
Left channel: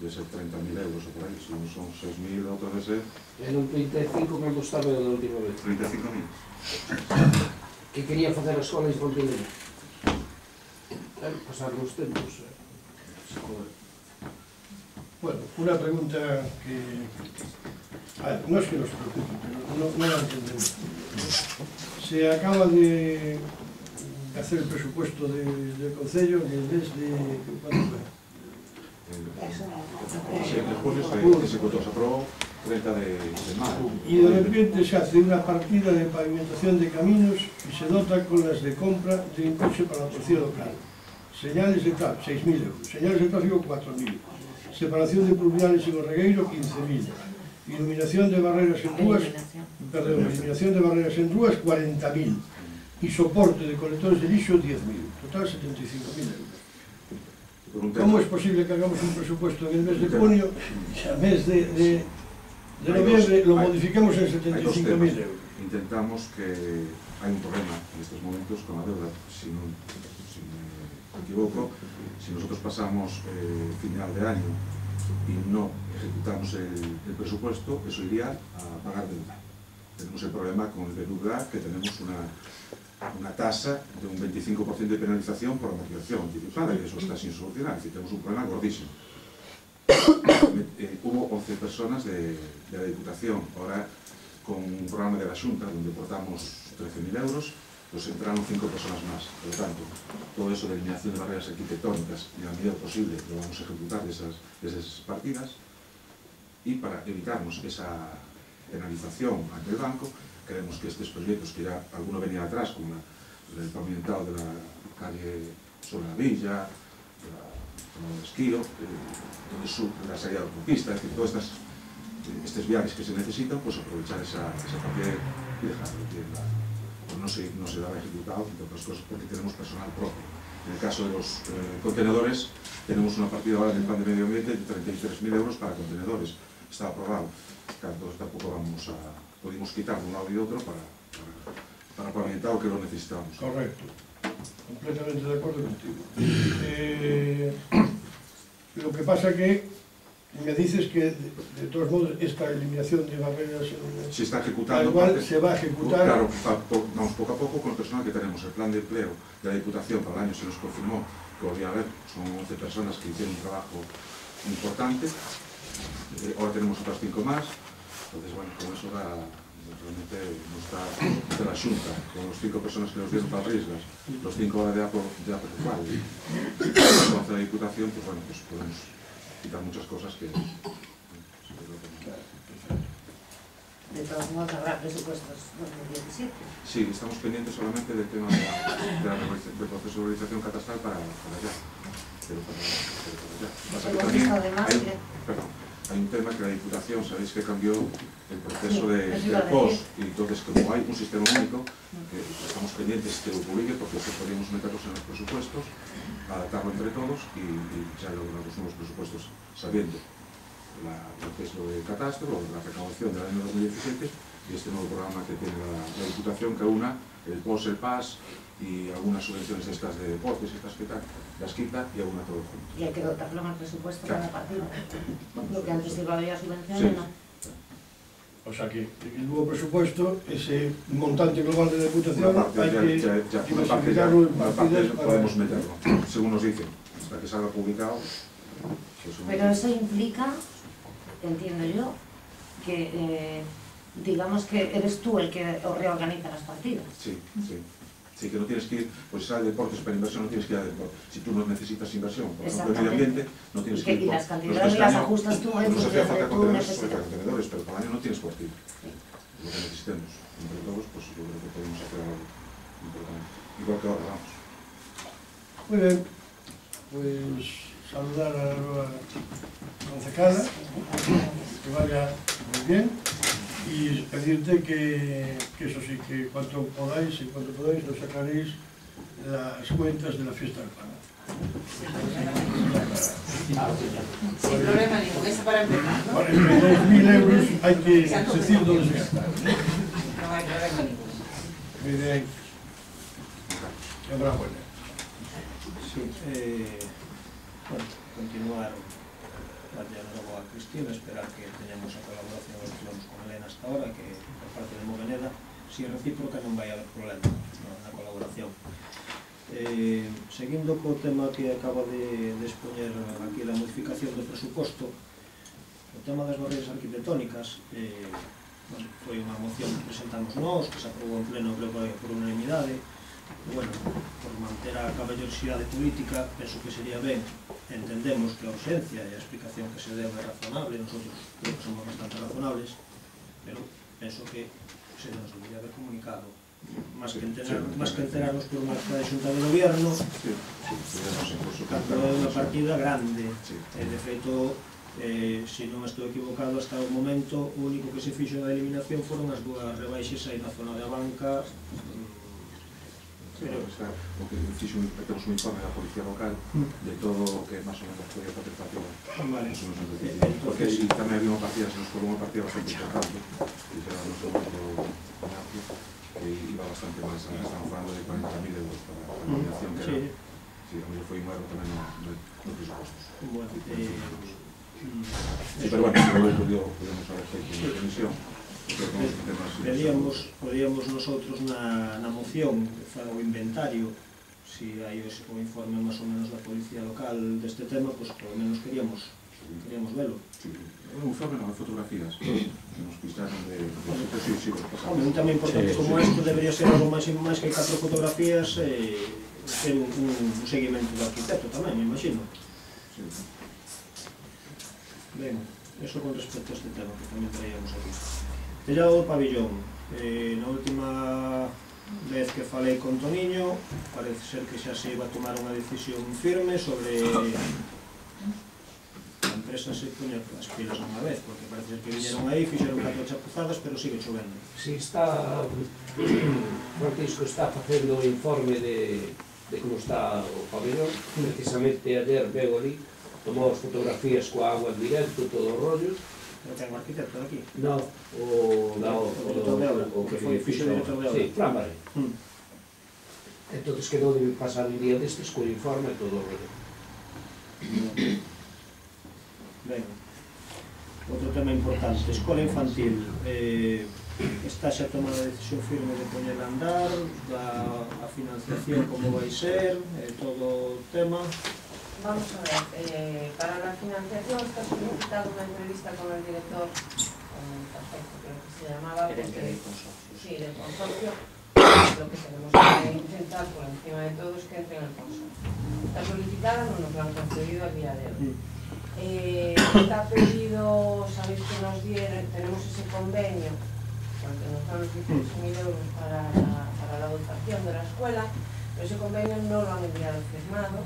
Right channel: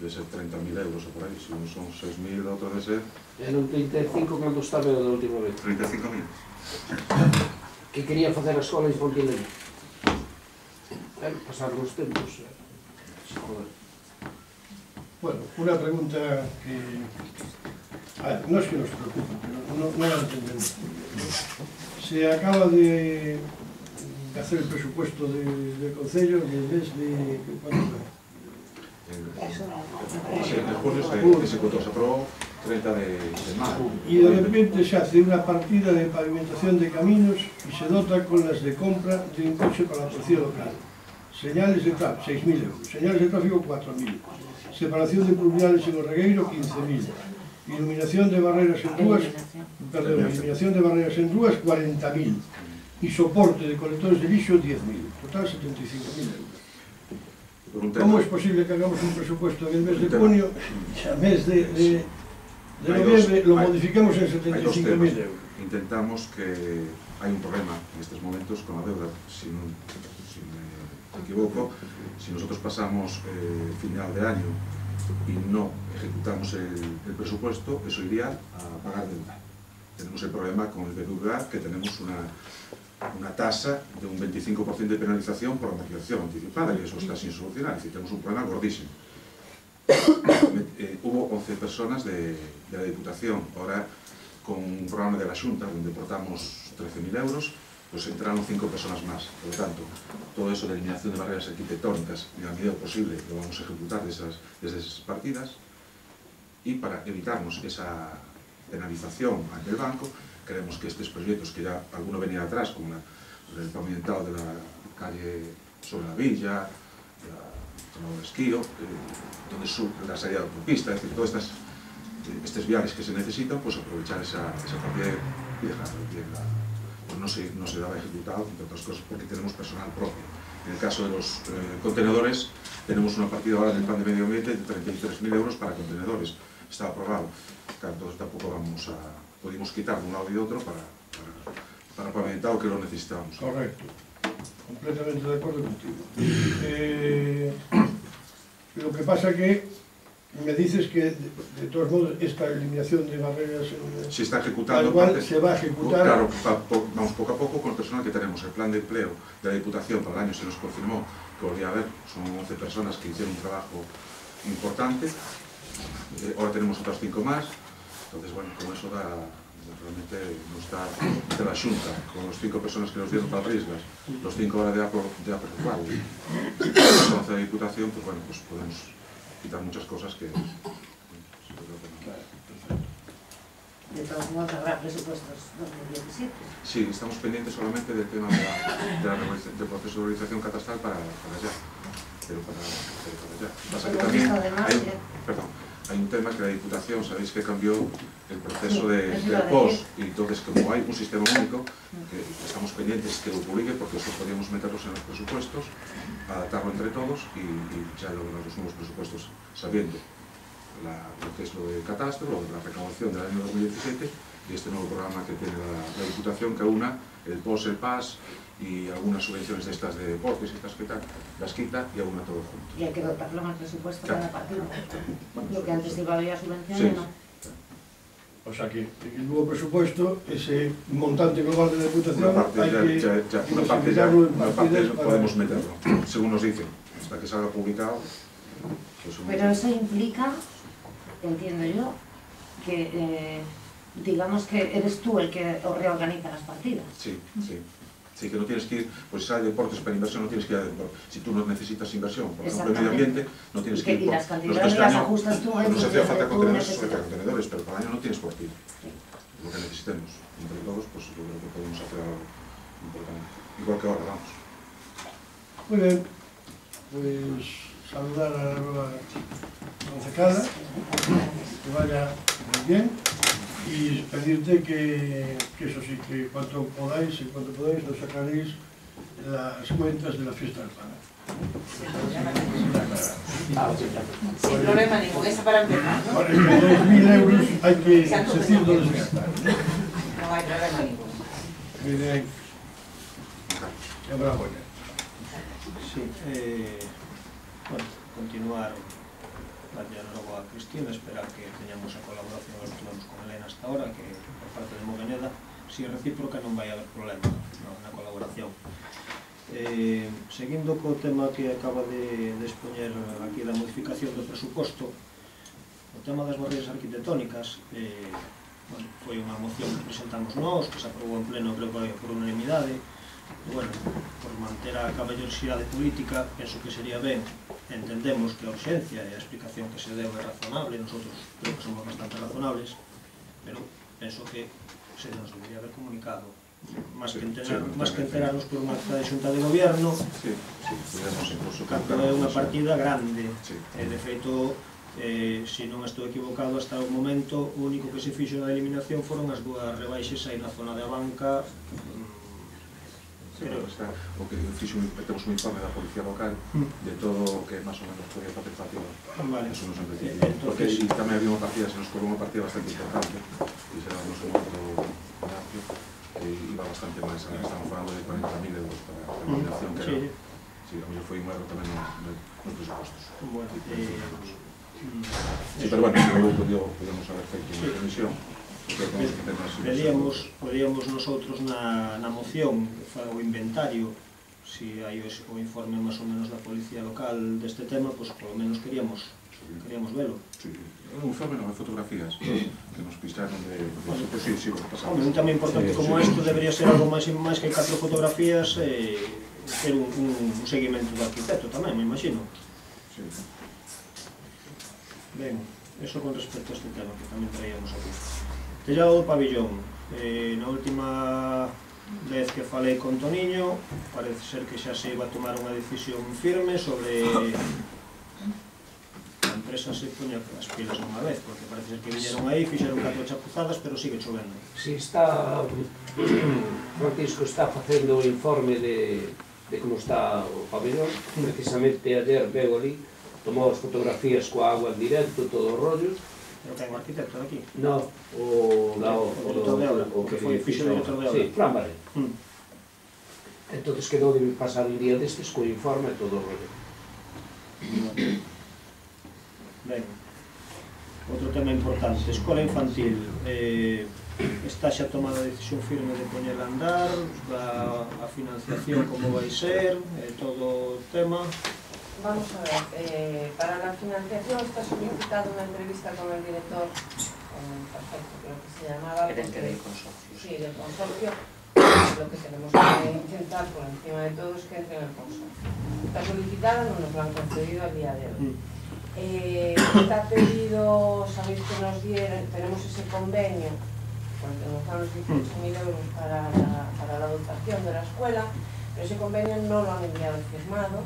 de ser 30.000 euros o por ahí, si no son 6.000, otro debe ser... En un 35 cando estaba da última vez. 35.000. Que quería facer a escola en Fontileña. Pasar los tempos. Joder. Bueno, una pregunta que... no es que nos preocupe, pero no la entendemos. Se acaba de hacer el presupuesto del Concello en el mes de... ¿cuándo fue? El julio se aprobó 30 de mayo. Y de repente se hace una partida de pavimentación de caminos y se dota con las de compra de un coche para la policía local. Señales de tráfico, 6.000 euros. Señales de tráfico, 4.000. Separación de pluviales en Orregueiro, 15.000. Eliminación de barreras en rúas, eliminación de barreras en rúas, 40.000. Y soporte de colectores de lixo, 10.000. Total, 75.000 euros. ¿Cómo es posible que hagamos un presupuesto en el mes de junio y al mes de noviembre lo modificamos en 75.000 euros? Intentamos que hay un problema en estos momentos con la deuda, si me equivoco, si nosotros pasamos final de año y no ejecutamos el presupuesto, eso iría a pagar deuda. Tenemos el problema con el BBVA, que tenemos una tasa de un 25% de penalización por amortización anticipada, y eso está sin solucionar, es decir, tenemos un problema gordísimo. Hubo 11 personas de la Diputación, ahora con un programa de la Xunta, donde aportamos 13.000 euros, pues entraron 5 personas más. Por lo tanto, todo eso de eliminación de barreras arquitectónicas, en la medida posible, lo vamos a ejecutar desde esas partidas, y para evitarnos esa penalización ante el banco, creemos que estos proyectos, que ya alguno venía atrás, como el pavimentado de la calle sobre la villa, el esquío, donde surge la salida de autopista, es decir, todos estos viajes que se necesitan, pues aprovechar esa partida y dejarlo bien. Pues no se daba ejecutado, entre otras cosas, porque tenemos personal propio. En el caso de los contenedores, tenemos una partida ahora en el plan de medio ambiente de 33.000 euros para contenedores. Está aprobado. Claro, entonces tampoco pudimos quitar de un lado y otro para pavimentar que lo necesitábamos. Correcto. Completamente de acuerdo contigo. Lo que pasa que me dices que, de todos modos, esta eliminación de barreras... Se está ejecutando. Igual se va a ejecutar... Claro, vamos poco a poco con el personal que tenemos. El plan de empleo de la Diputación para el año se nos confirmó que volvía a haber. Son 11 personas que hicieron un trabajo importante. Ahora tenemos otras 5 más. Entonces, bueno, con eso realmente no está de la Xunta, con los 5 personas que nos dieron para riesgas, los 5 ahora de APO rural. Con la Diputación, pues bueno, pues podemos quitar muchas cosas que... De todos modos, habrá presupuestos 2017. Sí, estamos pendientes solamente del tema del proceso de organización catastral para allá. Pero para allá. Pasa que también hay un tema que la Diputación, sabéis que cambió el proceso del POS, y entonces como hay un sistema único, estamos pendientes que lo publique, porque eso podríamos meterlos en los presupuestos, adaptarlo entre todos y ya lograr los nuevos presupuestos sabiendo lo que es lo de catastro, lo de la recaudación del año 2017 y este nuevo programa que tiene la Diputación, que una, el POS, el PAS y algunas subvenciones de estas de deportes, estas que tal, las quita y alguna todo junto. Y hay que dotarlo más presupuesto Claro. cada partido. Lo que antes iba a haber subvenciones, Sí. ¿no? O sea que el nuevo presupuesto, ese montante global de la Diputación, Una parte hay que una parte diversificarlo en una parte partidas no para... podemos meterlo, según nos dicen, hasta que salga publicado. Pues Pero eso implica, entiendo yo, que digamos que eres tú el que reorganiza las partidas. Sí, sí. Sí, que no tienes que ir, pues si hay deportes para inversión, no tienes que ir a deportes. Si tú no necesitas inversión, por ejemplo, en medio ambiente, no tienes que ir Y por las los cantidades que las este año ajustas tú en no se función hacía de falta tu contenedores, necesidad. contenedores, pero cada año no tienes cuartil. Lo que necesitemos, entre todos, pues yo creo que podemos hacer algo importante. Igual que ahora, vamos. Muy bien, pues saludar a la nueva concejala, que vaya muy bien, y pedirte que eso sí, que en cuanto podáis, nos sacaréis las cuentas de la fiesta del pan. Sin problema ningún, eso para empezar, ¿no? Para que 10.000 euros hay que decir dónde se gastan. No hay problema ninguno. Muy bien. Enhorabuena. Sí, bueno, continuar, darle luego a Cristina, esperar que teñamos a colaboración que tuvimos con Elena hasta ahora, que por parte de Moveneda, si é recíproca non vai haber problema na colaboración. Seguindo co tema que acaba de expoñer aquí da modificación do presuposto, o tema das barreiras arquitectónicas, bueno, foi unha moción que presentamos nós, que se aprobou en pleno, creo que por unanimidade, e, bueno, por manter a caballerosidade política, penso que sería ben, entendemos que a urxencia e a explicación que se deu é razonable, nosotros creo que somos bastante razonables, pero penso que se nos debería haber comunicado, máis que enterarnos por unha acta de xunta de gobierno, é unha partida grande, e de feito, se non estou equivocado, hasta o momento, o único que se fixo na eliminación foron as dúas rebaixes aí na zona de Abanca. Pero o que temos un informe da Policía Local de todo o que máis ou menos podía facer factura. Eso nos han decidido. Porque tamén había unha partida, se nos cobrou unha partida bastante importante, e será no segundo comercio, que iba bastante máis, estamos falando de 40.000 euros para a eliminación, que era, sí, a mellor foi un erro tamén nos presupostos. Sí, pero bueno, podíamos haber feito unha comisión. Podíamos nosotros na moción que fa o inventario, si hai o informe máis ou menos da Policía Local deste tema, pois polo menos queríamos velo. Un informe non, fotografías que nos pistaron de sí, pasamos. Un tema importante como isto debería ser algo máis que 4 fotografías e ter un seguimento do arquitecto tamén, me imagino. Ben, eso con respecto a este tema que tamén traíamos aquí. Tellado do pabillón, na última vez que falei con Toniño, parece ser que xa se iba a tomar unha decisión firme sobre a empresa se poña as pilas unha vez, porque parece ser que viñeron aí, fixeron 4 chapuzadas, pero sigue chovendo. Si está, Francisco está facendo o informe de como está o pabellón, precisamente ayer veo ali, tomou as fotografías coa agua en directo, todo o rollo. Pero ten un arquitecto aquí? No, o director de obra, o que foi fixo o director de obra. Sí, Fran Baré. Entón quedou de pasar un día destes co informe todo o rollo. Ben, outro tema importante, escola infantil, está xa tomada a decisión firme de poñer a andar, a financiación como vai ser, todo o tema. Vamos a ver, para la financiación está solicitado una entrevista con el director, con el perfecto creo que se llamaba, del consorcio. Sí, del consorcio. Lo que tenemos que intentar por encima de todo es que entre en el consorcio. Está solicitado, no nos lo han concedido al día de hoy. Está pedido, sabéis que nos dieron, tenemos ese convenio, porque nos dan los 18.000 euros para la dotación de la escuela, pero ese convenio no lo han enviado firmado.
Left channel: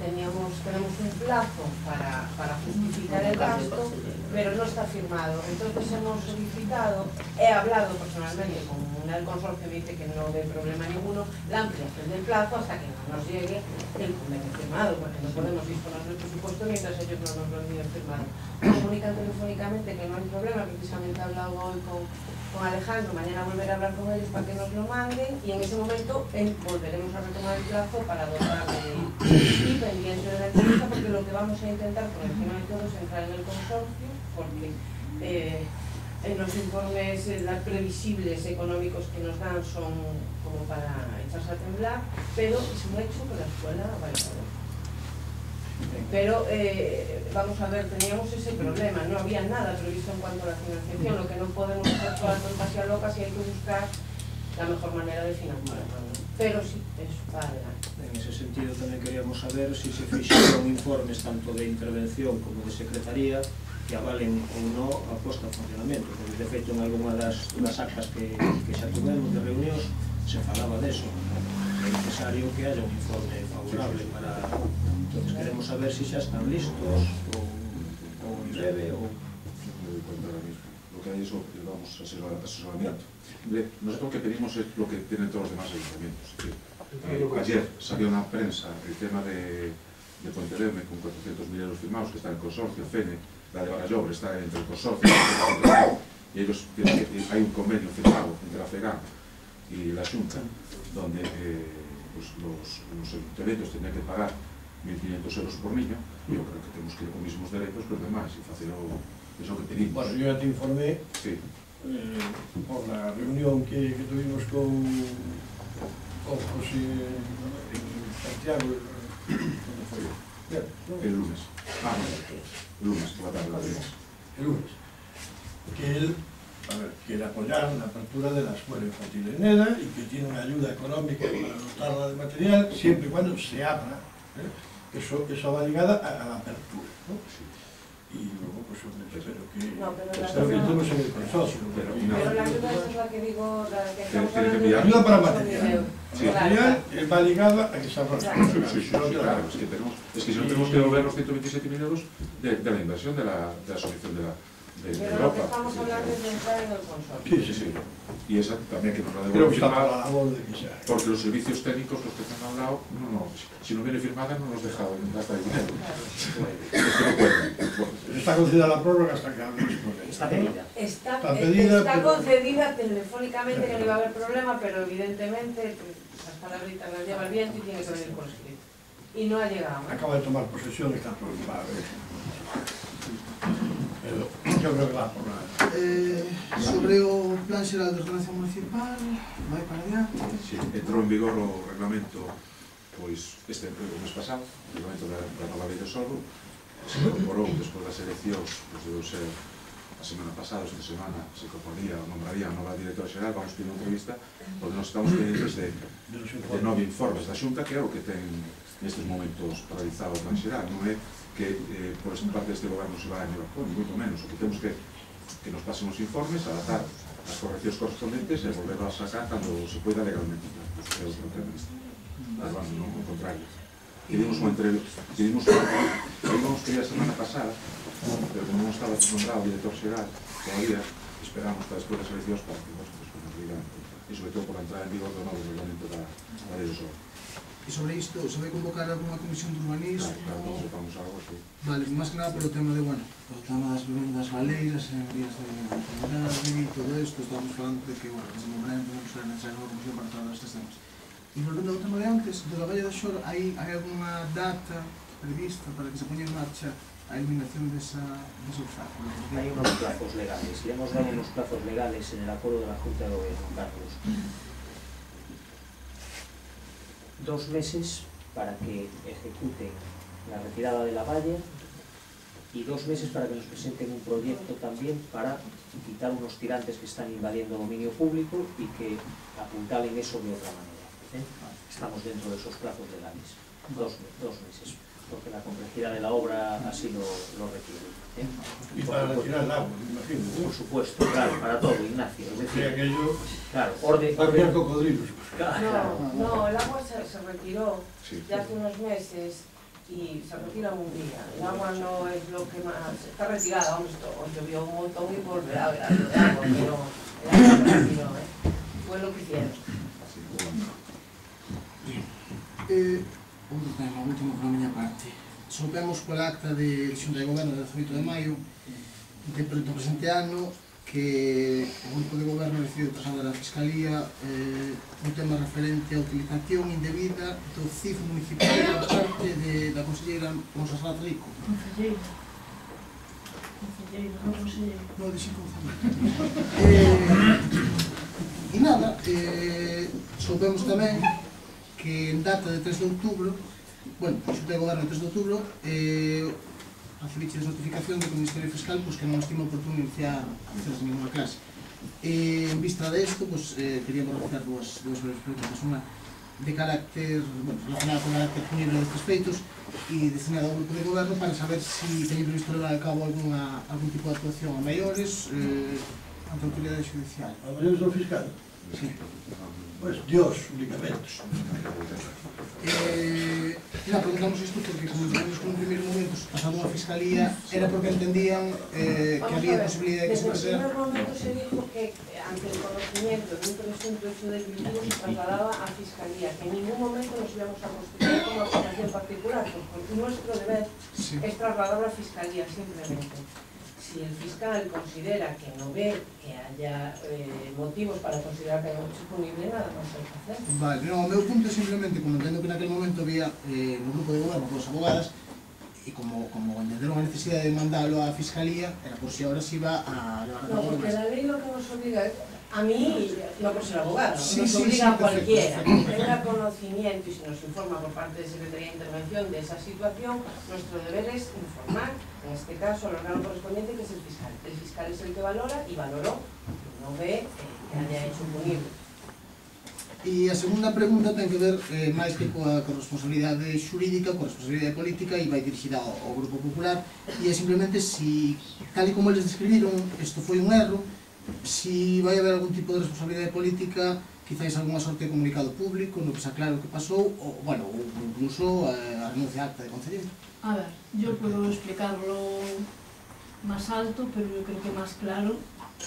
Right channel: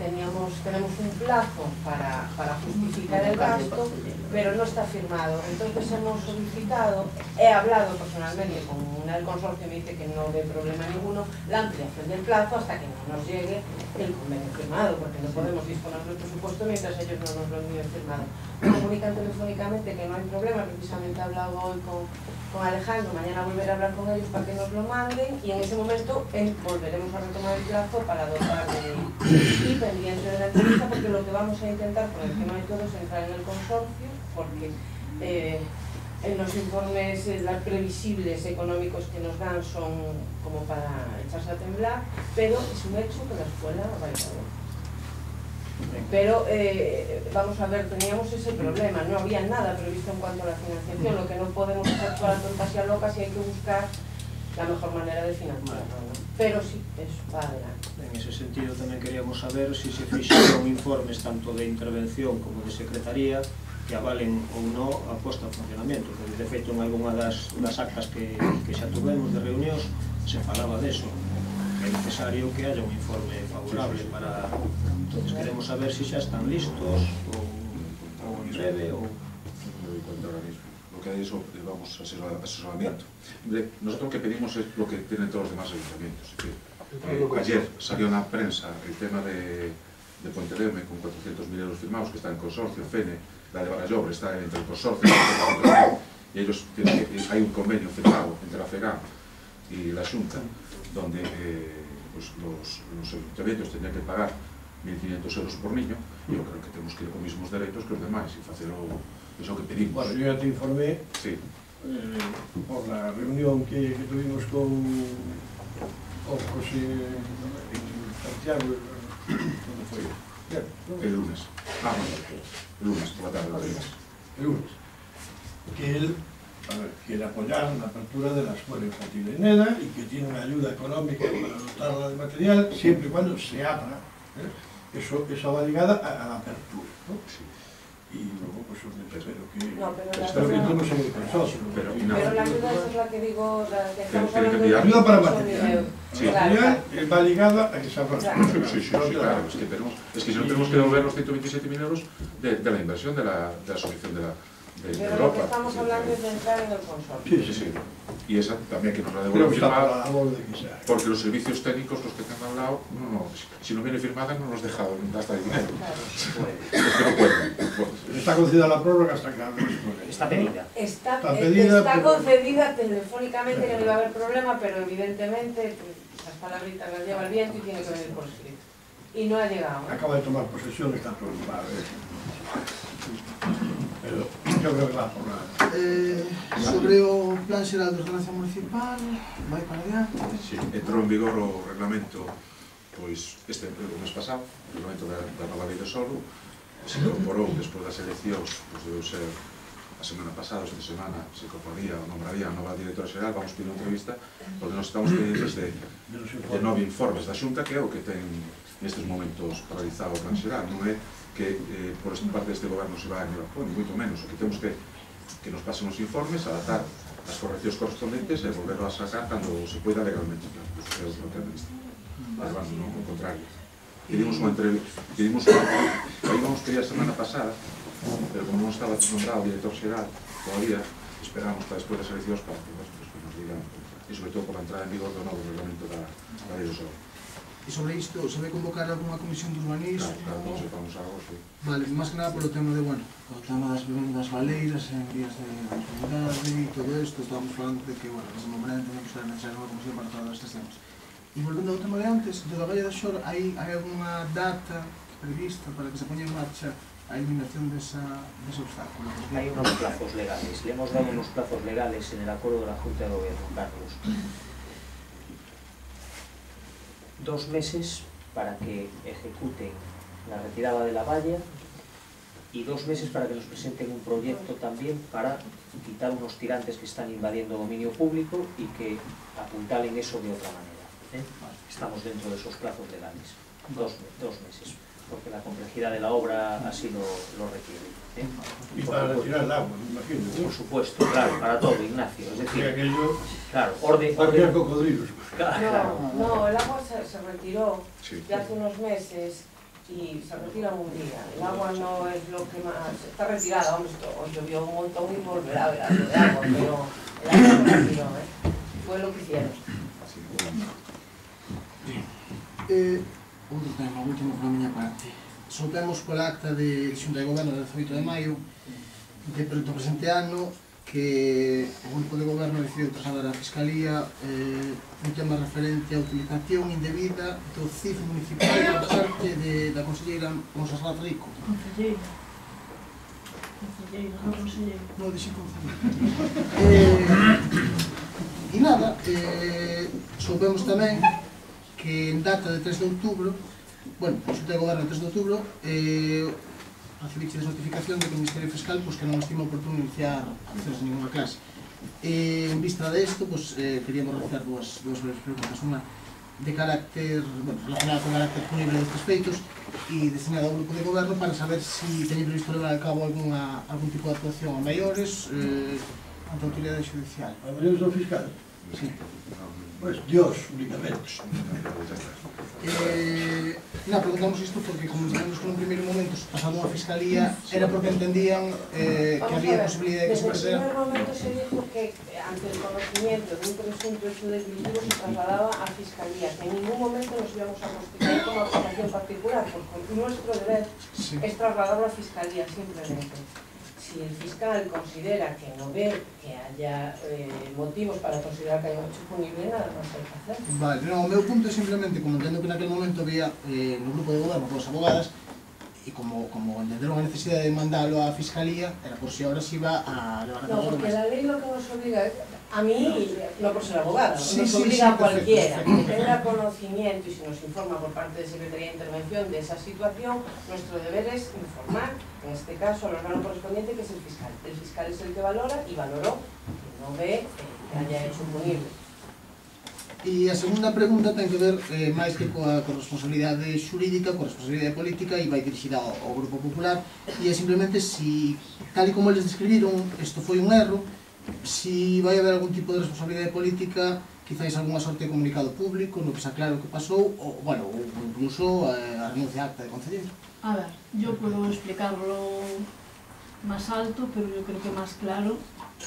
Tenemos un plazo para justificar el gasto pero no está firmado. Entonces hemos solicitado, he hablado personalmente con el consorcio, me dice que no ve problema ninguno, la ampliación del plazo hasta que no nos llegue el convenio firmado, porque no podemos disponer del presupuesto mientras ellos no nos lo envíen firmado. Me comunican telefónicamente que no hay problema, precisamente he hablado hoy con Alejandro, mañana volveré a hablar con ellos para que nos lo manden y en ese momento volveremos a retomar el plazo para dotar y pendiente de la entrevista, porque lo que vamos a intentar por encima de todo es entrar en el consorcio, porque los informes previsibles económicos que nos dan son como para echarse a temblar, pero es un hecho que la escuela va a ir a ver. Pero vamos a ver, teníamos ese problema, no había nada previsto en cuanto a la financiación, lo que no podemos hacer todas las tontas y a locas y hay que buscar la mejor manera de financiarlo, ¿no? Pero sí, eso va adelante. En ese sentido tamén queríamos saber se se fixeron informes tanto de intervención como de secretaría que avalen ou non a posta en funcionamento, porque de feito en algunha das actas que xa tuvemos de reunións se falaba deso. É necesario que haya un informe favorable para... Entonces queremos saber se xa están listos ou en breve ou... No me doy cuenta ahora mismo. Lo que hay es, vamos, asesoramiento. Nosotros lo que pedimos es lo que tienen todos los demás ayuntamientos. Ayer salió en la prensa el tema de Pontevedra con 400.000 euros firmados, que está en el consorcio, FENE, la de Barallobre está entre el consorcio y ellos tienen hay un convenio firmado entre la FEGAM y la Xunta, donde pues los ayuntamientos tendrían que pagar 1.500 euros por niño. Yo creo que tenemos que ir con mismos derechos que los demás y hacerlo eso que pedimos. Bueno, yo ya te informé por la reunión que tuvimos con José Santiago, ¿dónde fue? El lunes. El lunes, por la tarde. El lunes. Que él apoyaron la apertura de la escuela infantil de Neda y que tiene una ayuda económica para dotarla de material siempre y cuando se abra. Eso va ligada a la apertura, ¿no? Sí. Y luego pues espero que estemos en el consorcio. Pero la ayuda es la que digo, la que estamos hablando de ayuda para material. Sí. Material va ligada a que se abra. Sí, claro, es que si no tenemos que devolver los 127.000 euros de la inversión de la asociación de Pero Europa. lo que estamos hablando es de entrar en el consorcio. Sí. Y esa también que nos la devuelven firmada, porque los servicios técnicos, los que están al lado, si no viene firmada no nos deja gastar el dinero. Está concedida la prórroga hasta que está pedida. Está concedida telefónicamente, que no iba a haber problema, pero evidentemente las palabritas las lleva el viento y tiene que venir por escrito. Y no ha llegado. Acaba de tomar posesión, está preocupada. Pero yo creo que va por nada. Sobre o plan xeral de ordenación municipal, vai para adiante? Sí, entrou en vigor o reglamento pois este mes pasado, o reglamento da nova lei de solo, se incorporou despois das eleccións, pois debeu ser a semana pasada, esta semana, se incorporaría ou nombraría a nova directora xeral, vamos pedir unha entrevista, onde nos estamos pendientes de 9 informes da Xunta, que é o que ten nestes momentos paralizado o plan xeral, non é que por parte deste goberno se vai a nivel ni moito menos, o que temos que nos pasen os informes, adaptar as correccións correspondentes e volverlo a sacar cando se poida legalmente, é o que administra. Mas vamos, non, ao contrario. Pedimos unha entrevista, íbamos pedir a semana pasada, pero como non estaba nombrado o director xeral todavía, esperamos para despois das eleccións para que nos digan, e sobre todo por a entrada en vigor do novo reglamento da lei do solo. E sobre isto, se vai convocar algunha comisión de urbanismo? Claro, sepamos algo, sí. Vale, máis que nada polo tema de, bueno, o tema das vivendas baleiras en vías de autoridade e todo isto, estamos falando de que, bueno, en ese momento non será necesaria unha comisión para todos estes temas. E volvendo ao tema de antes, de la Valla da Xor, hai algunha data prevista para que se poña en marcha a eliminación dese obstáculo? Hay unos plazos legales, le hemos dado unos plazos legales en el acuerdo de la Junta de Gobierno, Carlos. 2 meses para que ejecuten la retirada de la valla y 2 meses para que nos presenten un proyecto también para quitar unos tirantes que están invadiendo dominio público y que apuntalen eso de otra manera. Estamos dentro de esos plazos legales, 2 meses, porque la complejidad de la obra así lo requiere. Y para retirar el agua, me imagino. Por supuesto, claro, para todo, Ignacio. Es decir, aquello... Claro, orden... Había cocodrilos. No, el agua se retiró ya hace unos meses y se retira un día. El agua no es lo que más... Está retirada, hombre, hoy llovió un montón y volverá a haber algo de agua, pero el agua se retiró, fue lo que hicieron. Outro tema, último por a miña parte. Soupemos pola acta de Xunta de Goberno de 18 de maio do presente ano que o grupo de goberno decidiu trasladar á Fiscalía un tema referente á utilización indebida do CIF municipal por parte da conselleira Monserrat Rico. Conselleira, non conselleira. Non, dixen conselleira. E nada, soupemos tamén que en data de 3 de outubro, bueno, o Xunta de Goberno de 3 de outubro, recibiches notificación de que o Ministerio Fiscal que non estima oportuno iniciar accesos a ninguna clase. En vista de isto, queríamos realizar dúas breves preguntas. Unha de carácter, relacionada con carácter punible destes feitos e destinada ao grupo de goberno para saber se teñen previsto levar a cabo algún tipo de actuación a maiores ante a autoridade judicial. A maiores do fiscal? Sí. Pues Dios, únicamente. Preguntamos isto porque, como dicemos que en un primeiro momento pasando a Fiscalía, era porque entendían que había posibilidad de que se pasara. Desde el primer momento se dijo que ante el conocimiento de un presunto hecho delictivo se trasladaba a Fiscalía, que en ningún momento nos íbamos a constituir como aplicación particular, porque nuestro deber es trasladarlo a Fiscalía simplemente. Si el fiscal considera que no ve que haya motivos para considerar que haya un hecho punible, nada más hay que hacer. Vale, non, o meu punto é simplemente, como entendo que naquele momento había no grupo de goberno dos abogadas, e como entenderon a necesidade de mandarlo á Fiscalía, era por si ahora se iba a levar a cabo. No, porque la ley lo que nos obliga, a mí, no por ser abogado, nos obliga a cualquiera que tenga conocimiento y se nos informa por parte de Secretaría de Intervención de esa situación, nuestro deber es informar, en este caso, al órgano correspondiente, que es el fiscal. El fiscal es el que valora y valoró que no ve que haya hecho punible. E a segunda pregunta ten que ver máis que coa responsabilidade xurídica, coa responsabilidade política e vai dirigida ao Grupo Popular e é simplemente si, tal e como eles describiron, isto foi un erro, si vai haber algún tipo de responsabilidade política, quizáis algunha sorte de comunicado público no que se aclare o que pasou, ou incluso a renuncia acta de concelleiro. A ver, yo puedo explicarlo más alto, pero yo creo que más claro,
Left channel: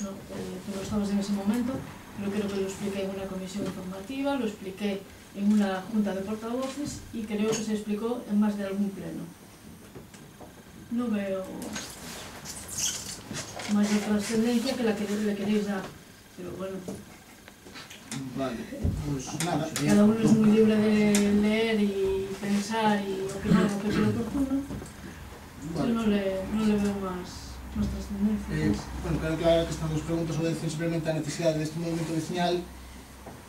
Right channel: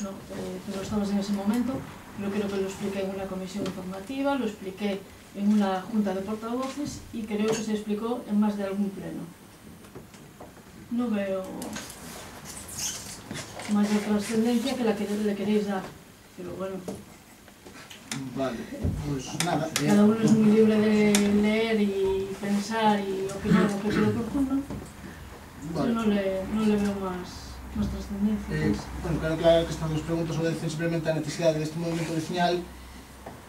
¿no? Tú no estabas en ese momento. Yo creo que lo expliqué en una comisión informativa, lo expliqué en una junta de portavoces y creo que se explicó en más de algún pleno. No veo mayor trascendencia que la que le queréis dar, pero bueno. Vale, pues nada. Cada uno es muy libre de leer y pensar y opinar lo que cree oportuno. Yo no le veo más trascendencia. Bueno, quero aclarar que estas dos preguntas obedecen simplemente a necesidade deste movimento vecinal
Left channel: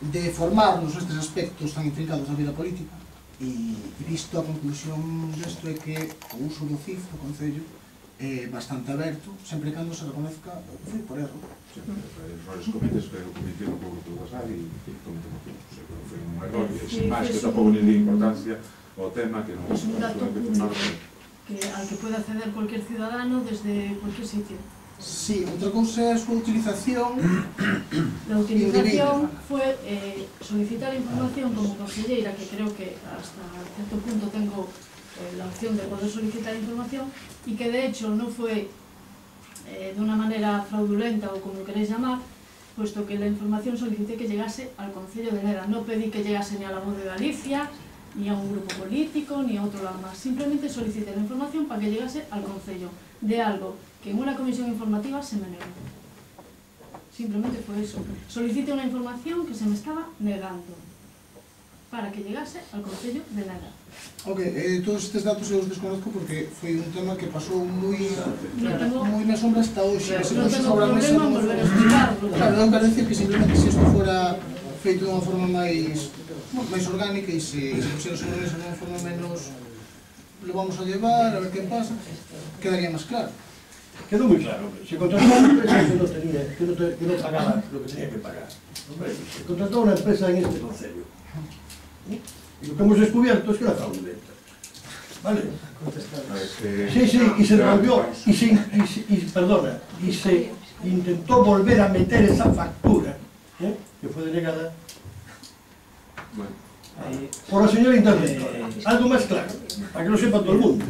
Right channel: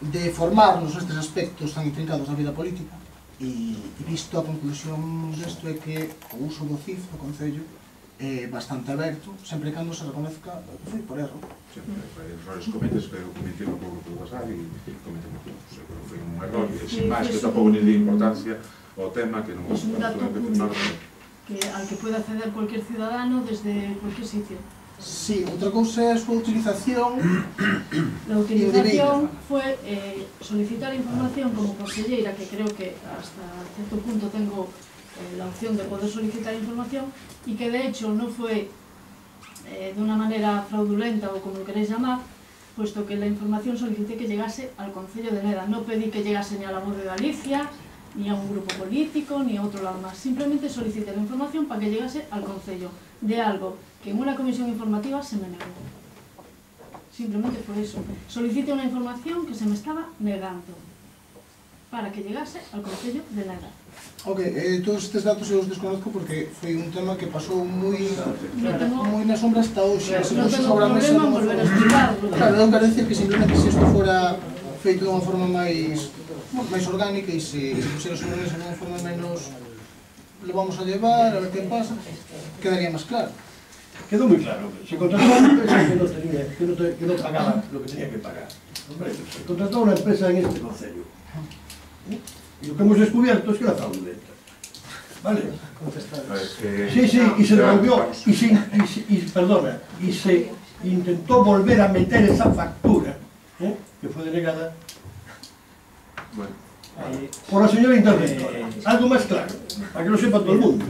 de formarnos nestes aspectos tan intrincados da vida política e visto a conclusión desto é que o uso do CIF do Concello é bastante aberto, sempre cando se reconozca que foi por erro. Errores cometes, pero cometieron por grupo do WhatsApp e cometemos todos. Foi un error e sin máis que tampouco ni de importancia ao tema que non es un dato público al que puede acceder cualquier ciudadano desde cualquier sitio. Sí, outra cousa é a súa utilización. La utilización fue solicitar información como conselleira, que creo que hasta cierto punto tengo la opción de poder solicitar información y que de hecho no fue de una manera fraudulenta o como lo queréis llamar, puesto que la información solicité que llegase al Concello de Neda. No pedí que llegase ni a La Voz de Galicia, ni a un grupo político, ni a otro lado más. Simplemente solicité la información para que llegase al Concello de algo que en una comisión informativa se me negó. Simplemente fue eso. Solicité una información que se me estaba negando para que llegase al Concello de Neda. Ok, todos estes datos eu os desconozco porque foi un tema que pasou moi na sombra hasta hoxe. No tengo problema en volver a explicarlo. Claro, eu quero dicir que simplemente se isto fora feito de unha forma máis orgánica e se pusiera sobre a mesa de unha forma menos lo vamos a llevar, a ver que pasa, quedaría máis claro. Quedó muy claro, se contrató una empresa que no pagaba lo que tenía que pagar. Se contrató una empresa en este concello. Y lo que hemos descubierto es que era fraudulenta. ¿Vale? Sí, sí, y se devolvió, y se intentó volver a meter esa factura, que fue denegada. Bueno, por la señora interventora. Algo más claro, para que lo sepa todo el mundo.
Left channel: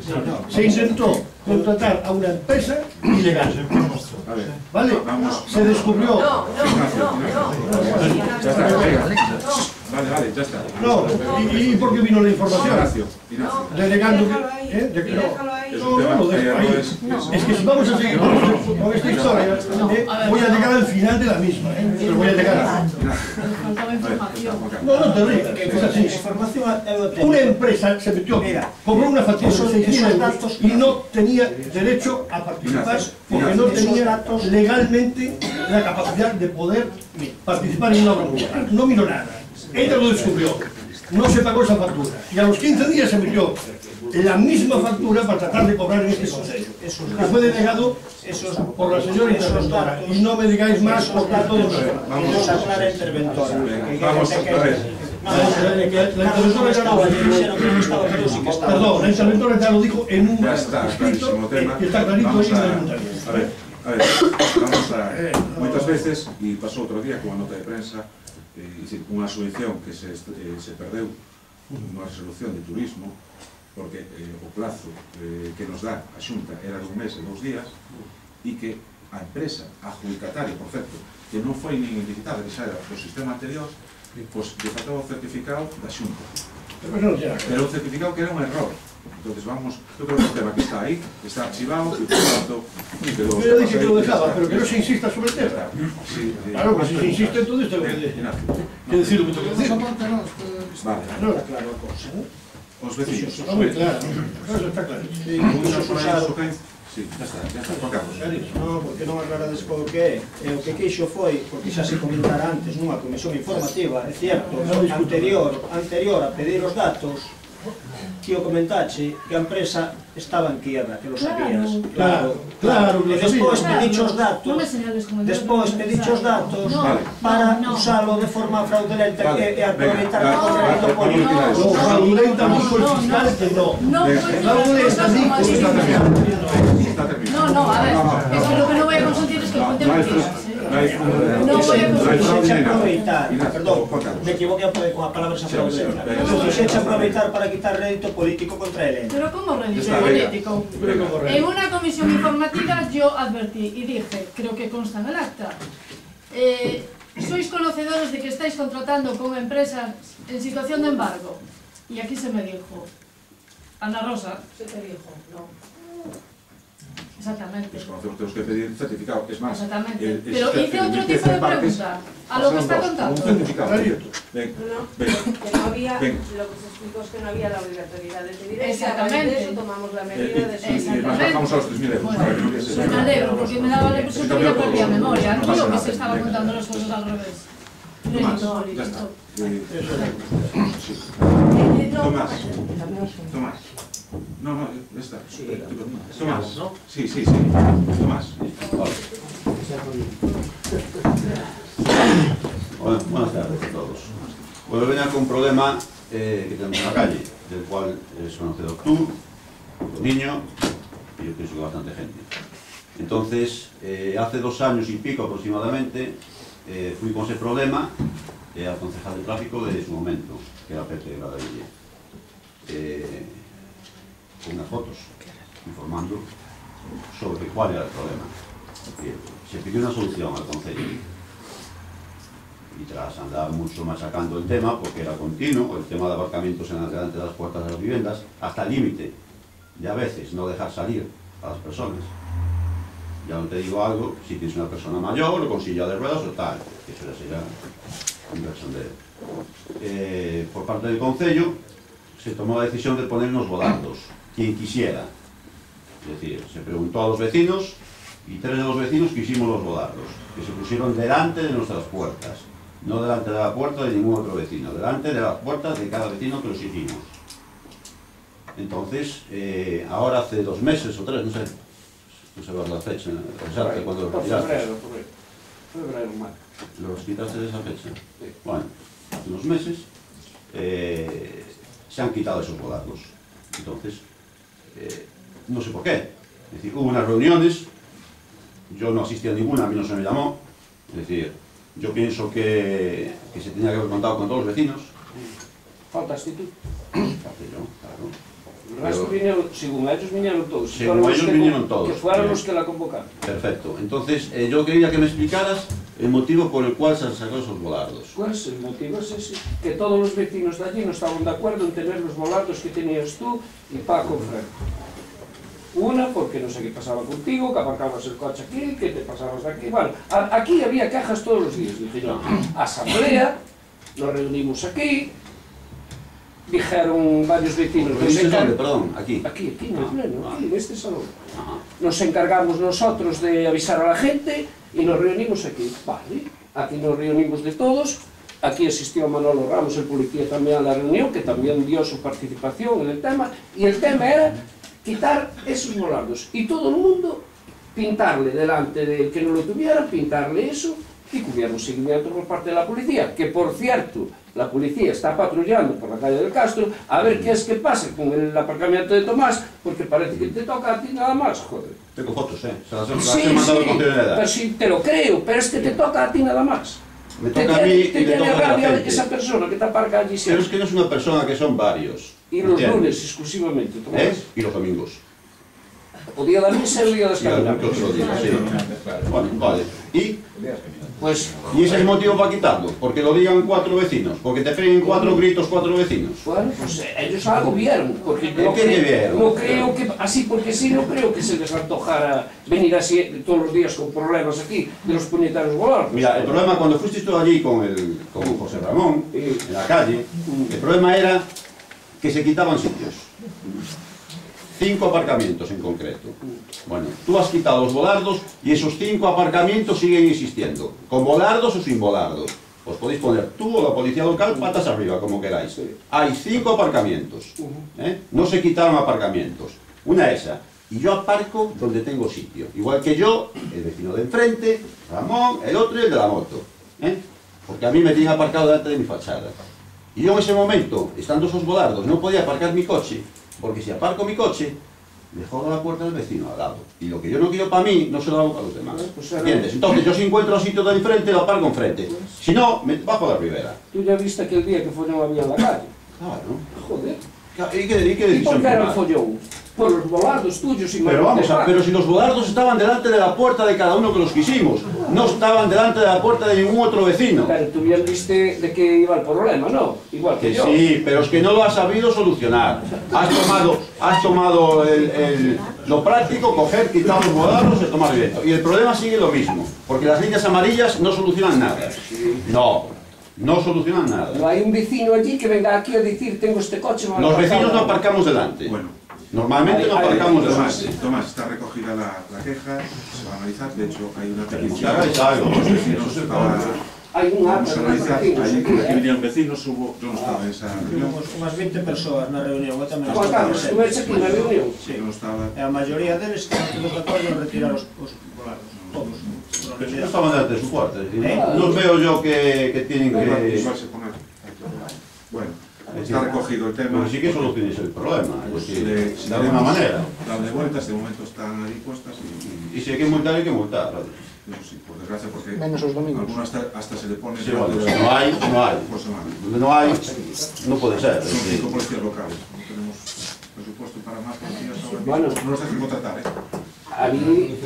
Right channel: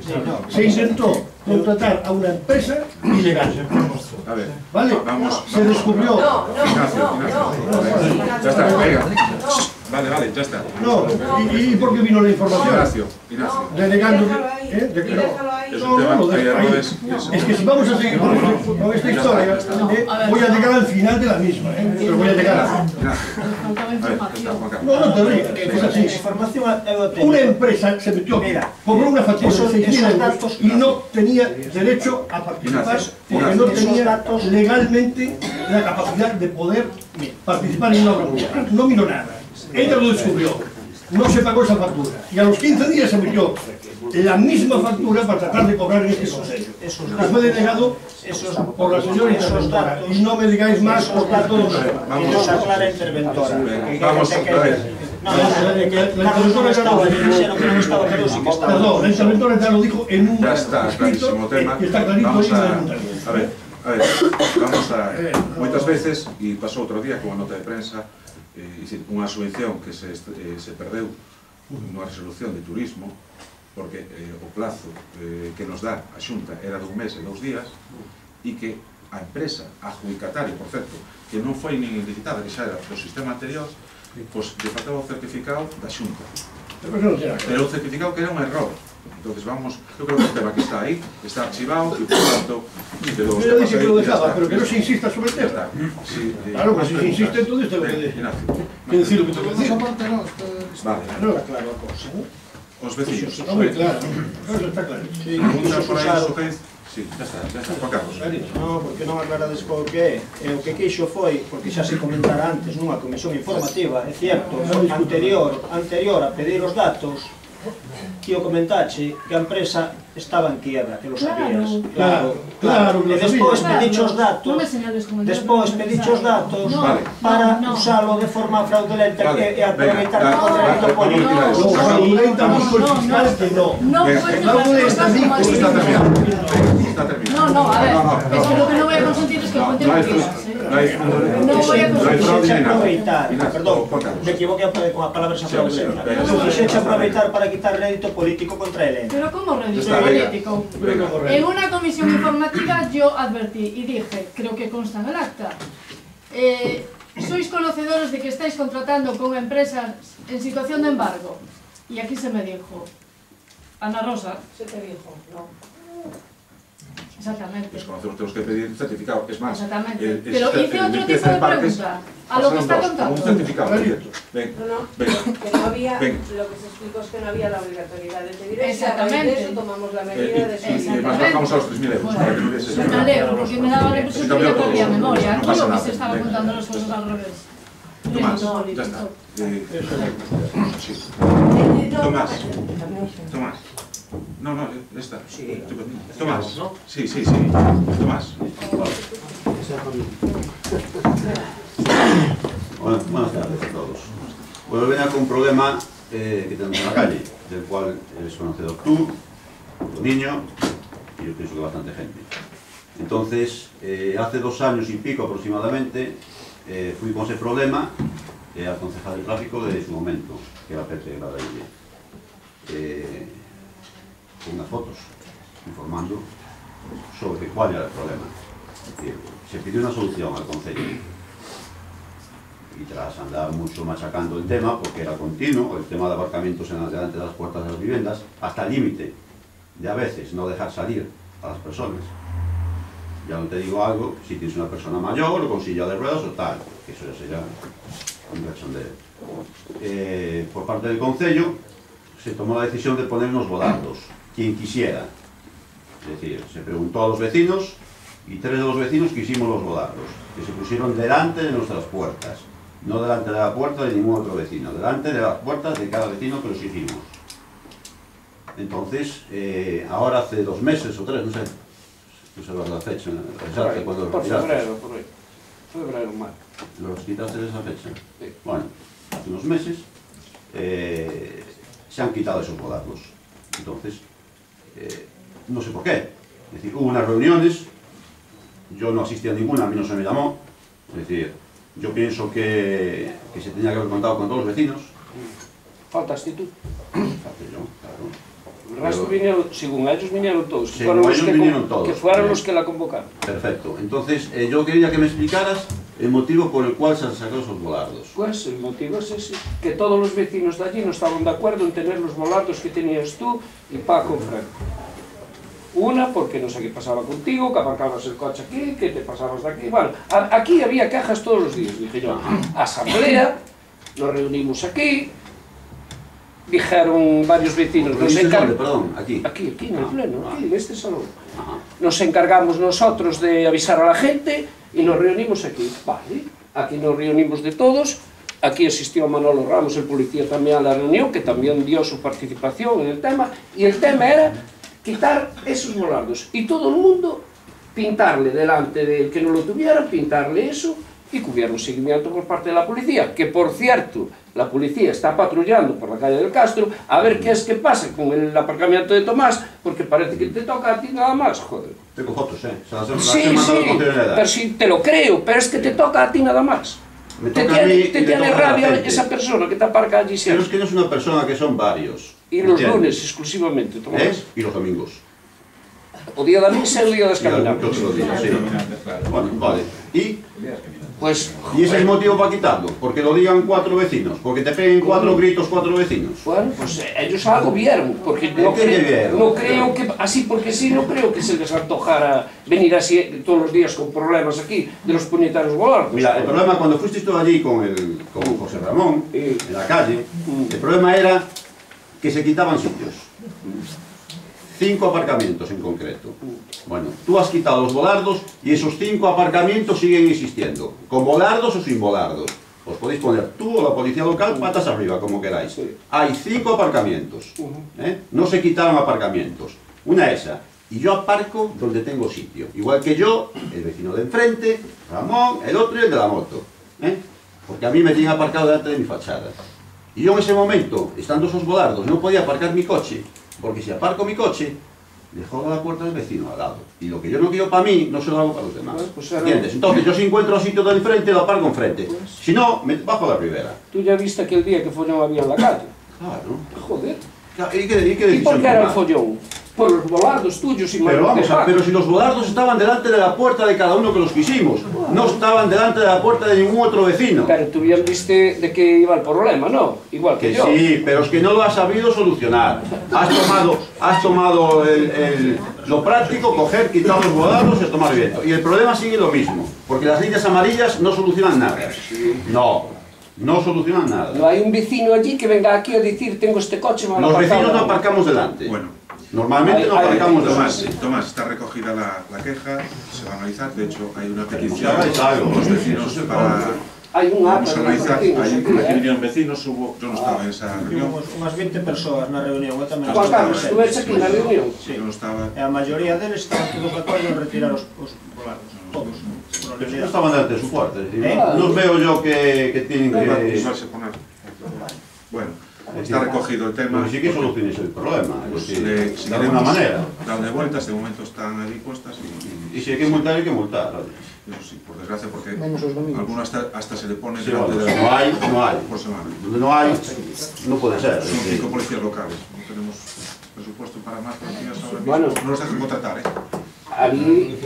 Se intentó contratar a una empresa ilegal. ¿Vale? Se descubrió... Ya está, venga. Vale, ya está. No, ¿y por qué vino la información? Ignacio. Delegando Déjalo ahí. Es que si vamos a seguir con esta historia, voy a llegar al final de la misma, pero voy a llegar a... No te rías, es así. Una empresa se metió, cobró una factura de 6.000 euros y no tenía derecho a participar porque no tenía legalmente la capacidad de poder participar en una obra pública. No miró nada. Ella lo descubrió. No se pagó esa factura. Y a los 15 días se metió la misma factura para tratar de cobrar en este consejo. Que fue denegado por la señora interventora. Y no me digáis más porque a todos Vamos a hablar interventora. Vamos a ver. Perdón, la interventora ya lo dijo en un clarísimo tema. que está clarito ahí en el A ver, vamos a... Moitas veces, e pasou outro día con a nota de prensa, unha subvención que se perdeu nunha resolución de turismo, porque o plazo que nos dá a Xunta era de 1 mes e 2 días, e que a empresa adjudicataria, por certo, que non foi nin licitada, que xa era do sistema anterior, pois desataba o certificado da Xunta. Pero o certificado que era un error. Entonces vamos, yo creo que el tema que está ahí, está archivado y por lo tanto... Yo dije que lo dejaba, pero que no se insista sobre el tema. Claro, pues si se insiste en todo esto, que decir lo que tengo que decir. Vale. No era claro la cosa, ¿no? Os vecinos. Está muy claro. Eso está claro. Sí, ya está, Juan Carlos. No, porque non aclarades co que é. O que quixo foi, porque xa se comentara antes nunha comisión informativa, é certo, anterior a pedir os datos, que o comentache que a empresa estaba en quiebra, que lo sabías. Claro. E despois pediche os datos, para usalo de forma fraudulenta e aproveitar o contrato político. Fraudulenta busco el fiscal que no. Fraudulenta dijo que está terminado. No, a ver, es que lo que no voy a consentir es que cuente mentiras. No voy a consentir. Perdón, me equivoqué con a palabra fraudulenta. Quixeche aproveitar para quitar rédito político contra el. Pero ¿cómo rédito político? En una comisión informativa yo advertí y dije, creo que consta en el acta, sois conocedores de que estáis contratando con empresas en situación de embargo. Y aquí se me dijo, Ana Rosa. Se te dijo, no. Exactamente. Desconocemos, tenemos que pedir certificado, es más. Exactamente. Pero hice otro tipo de pregunta a lo que está contando. Un certificado. Que no había, lo que se explicó es que no había la obligatoriedad de pedir eso. Exactamente. De eso tomamos la medida de eso. Y más bajamos a los 3.000 euros. Para que no hubiese... Me alegro, porque me daba la impresión que yo perdía memoria. Aquí lo que se estaba contando las cosas al revés. Tomás, ya está. Tomás. No, ya está. Tomás. Sí. Tomás. Buenas tardes a todos. Bueno, venía con un problema que tenemos en la calle, del cual eres conocedor tú, tu niño, y yo pienso que bastante gente. Entonces, hace 2 años y pico aproximadamente, fui con ese problema al concejal de tráfico de su momento, que era Pepe Gradaville, con unas fotos informando sobre cuál era el problema. Se pidió una solución al concello y tras andar mucho machacando el tema, porque era continuo, el tema de aparcamientos en delante de las puertas de las viviendas, hasta el límite de a veces no dejar salir a las personas. Ya no te digo algo, si tienes una persona mayor o con silla de ruedas o tal, que eso ya sería un cachondeo. Por parte del concello se tomó la decisión de poner unos volandos, quien quisiera. Es decir, se preguntó a los vecinos y 3 de los vecinos quisimos los volandos, que se pusieron delante de nuestras puertas, no delante de la puerta de ningún otro vecino, delante de las puertas de cada vecino que los hicimos. Entonces, ahora hace 2 meses o 3, no sé la fecha exacta cuando los retiraste. Febrero, marzo. ¿Los quitaste de esa fecha? Sí. Bueno, hace unos meses se han quitado esos volandos. Entonces, no sé por qué. Es decir, hubo unas reuniones, yo no asistí a ninguna, a mí no se me llamó. Es decir, yo pienso que se tenía que haber contado con todos los vecinos, Faltaste tú. Castellón, claro. El resto vinieron, según ellos vinieron todos. Según ellos vinieron todos. Que fueron los que la convocaron. Perfecto. Entonces, yo quería que me explicaras el motivo por el cual se han sacado esos volardos. Pues el motivo es ese, que todos los vecinos de allí no estaban de acuerdo en tener los volardos que tenías tú y Paco Franco. Una, porque no sé qué pasaba contigo, que aparcabas el coche aquí, que te pasabas de aquí. Bueno, aquí había quejas todos los días, dije yo. Asamblea, nos reunimos aquí, dijeron varios vecinos... Perdón, aquí. Aquí, en el pleno, aquí, en este salón. Nos encargamos nosotros de avisar a la gente y nos reunimos aquí. Vale, aquí nos reunimos de todos. Aquí asistió Manolo Ramos, el policía, también a la reunión, que también dio su participación en el tema. Y el tema era quitar esos volardos. Y todo el mundo pintarle delante del que no lo tuviera, pintarle eso, y que hubiera un seguimiento por parte de la policía. Que, por cierto, la policía está patrullando por la calle del Castro a ver qué es que pasa con el aparcamiento de Tomás, porque parece que te toca a ti nada más, joder. Tengo fotos, Se las he Sí, pero sí, te lo creo, pero es que te toca a ti nada más. Me toca a mí y te le tiene toca a la rabia gente. esa persona que te aparca allí siempre. Pero es que no es una persona, que son varios. Y los lunes exclusivamente, Tomás. Y los domingos. O día de la misa y o día de las caminadas. Bueno, vale. Y ese es el motivo para quitarlo, porque lo digan 4 vecinos, porque te peguen 4 gritos 4 vecinos. Bueno, pues ellos algo vieron, porque no creo que, así porque sí, no creo que se les antojara venir así todos los días con problemas aquí de los puñetarios volardos. Mira, el problema cuando fuiste tú allí con José Ramón, en la calle, el problema era que se quitaban sitios. 5 aparcamientos en concreto. Bueno, tú has quitado los volardos y esos 5 aparcamientos siguen existiendo, con volardos o sin volardos. Os podéis poner tú o la policía local patas arriba, como queráis. Hay 5 aparcamientos. No se quitaron aparcamientos. Una esa. Y yo aparco donde tengo sitio. Igual que yo, el vecino de enfrente, Ramón, el otro y el de la moto. Porque a mí me tienen aparcado delante de mi fachada. Y yo en ese momento, estando esos volardos, no podía aparcar mi coche. Porque si aparco mi coche, le jodo la puerta al vecino al lado. Y lo que yo no quiero para mí, no se lo hago para los demás. ¿Entiendes? Entonces yo si encuentro sitio de enfrente, lo aparco enfrente. Si no, me bajo la ribera. Tú ya viste aquel día que follón había en la calle. Claro. Joder. ¿Y qué ¿Y por qué era el follón? Por los volardos tuyos y pero vamos pero si los volardos estaban delante de la puerta de cada uno que los quisimos, no estaban delante de la puerta de ningún otro vecino. Pero tú ya viste de qué iba el problema, ¿no? Igual que yo. Sí, pero es que no lo has sabido solucionar. Has tomado lo práctico, coger, quitar los volardos y tomar viento. Y el problema sigue lo mismo, porque las líneas amarillas no solucionan nada. No solucionan nada. No hay un vecino allí que venga aquí a decir tengo este coche mal Los aparcado. vecinos no aparcamos delante. Bueno. Normalmente no aparcamos delante. Tomás, está recogida la queja, se va a analizar, de hecho hay una petición de los vecinos para... Hay un acta de los vecinos. Aquí vinieron vecinos, hubo... Yo no estaba en esa reunión. Unas 20 persoas na reunión, eu tamén Juan Carlos, tú ves aquí na reunión? Sí, yo no estaba... E a maioría deles estaban todos de acordo en retirar os volardos, todos. Pero no estaban delante de su puerta. No veo yo que tienen que... Bueno, está recogido el tema. Pero sí que soluciones el problema, Pues de alguna manera. Darle vueltas, de momento están allí puestas y si hay que multar, hay que multar. Eso sí, por desgracia, porque menos los domingos. algunos hasta se le pone Sí, bueno, si no hay, por semana. Donde no hay, no puede ser. Son 5 policías locales, no tenemos presupuesto para más policías ahora mismo. Bueno, no los dejan contratar, Ali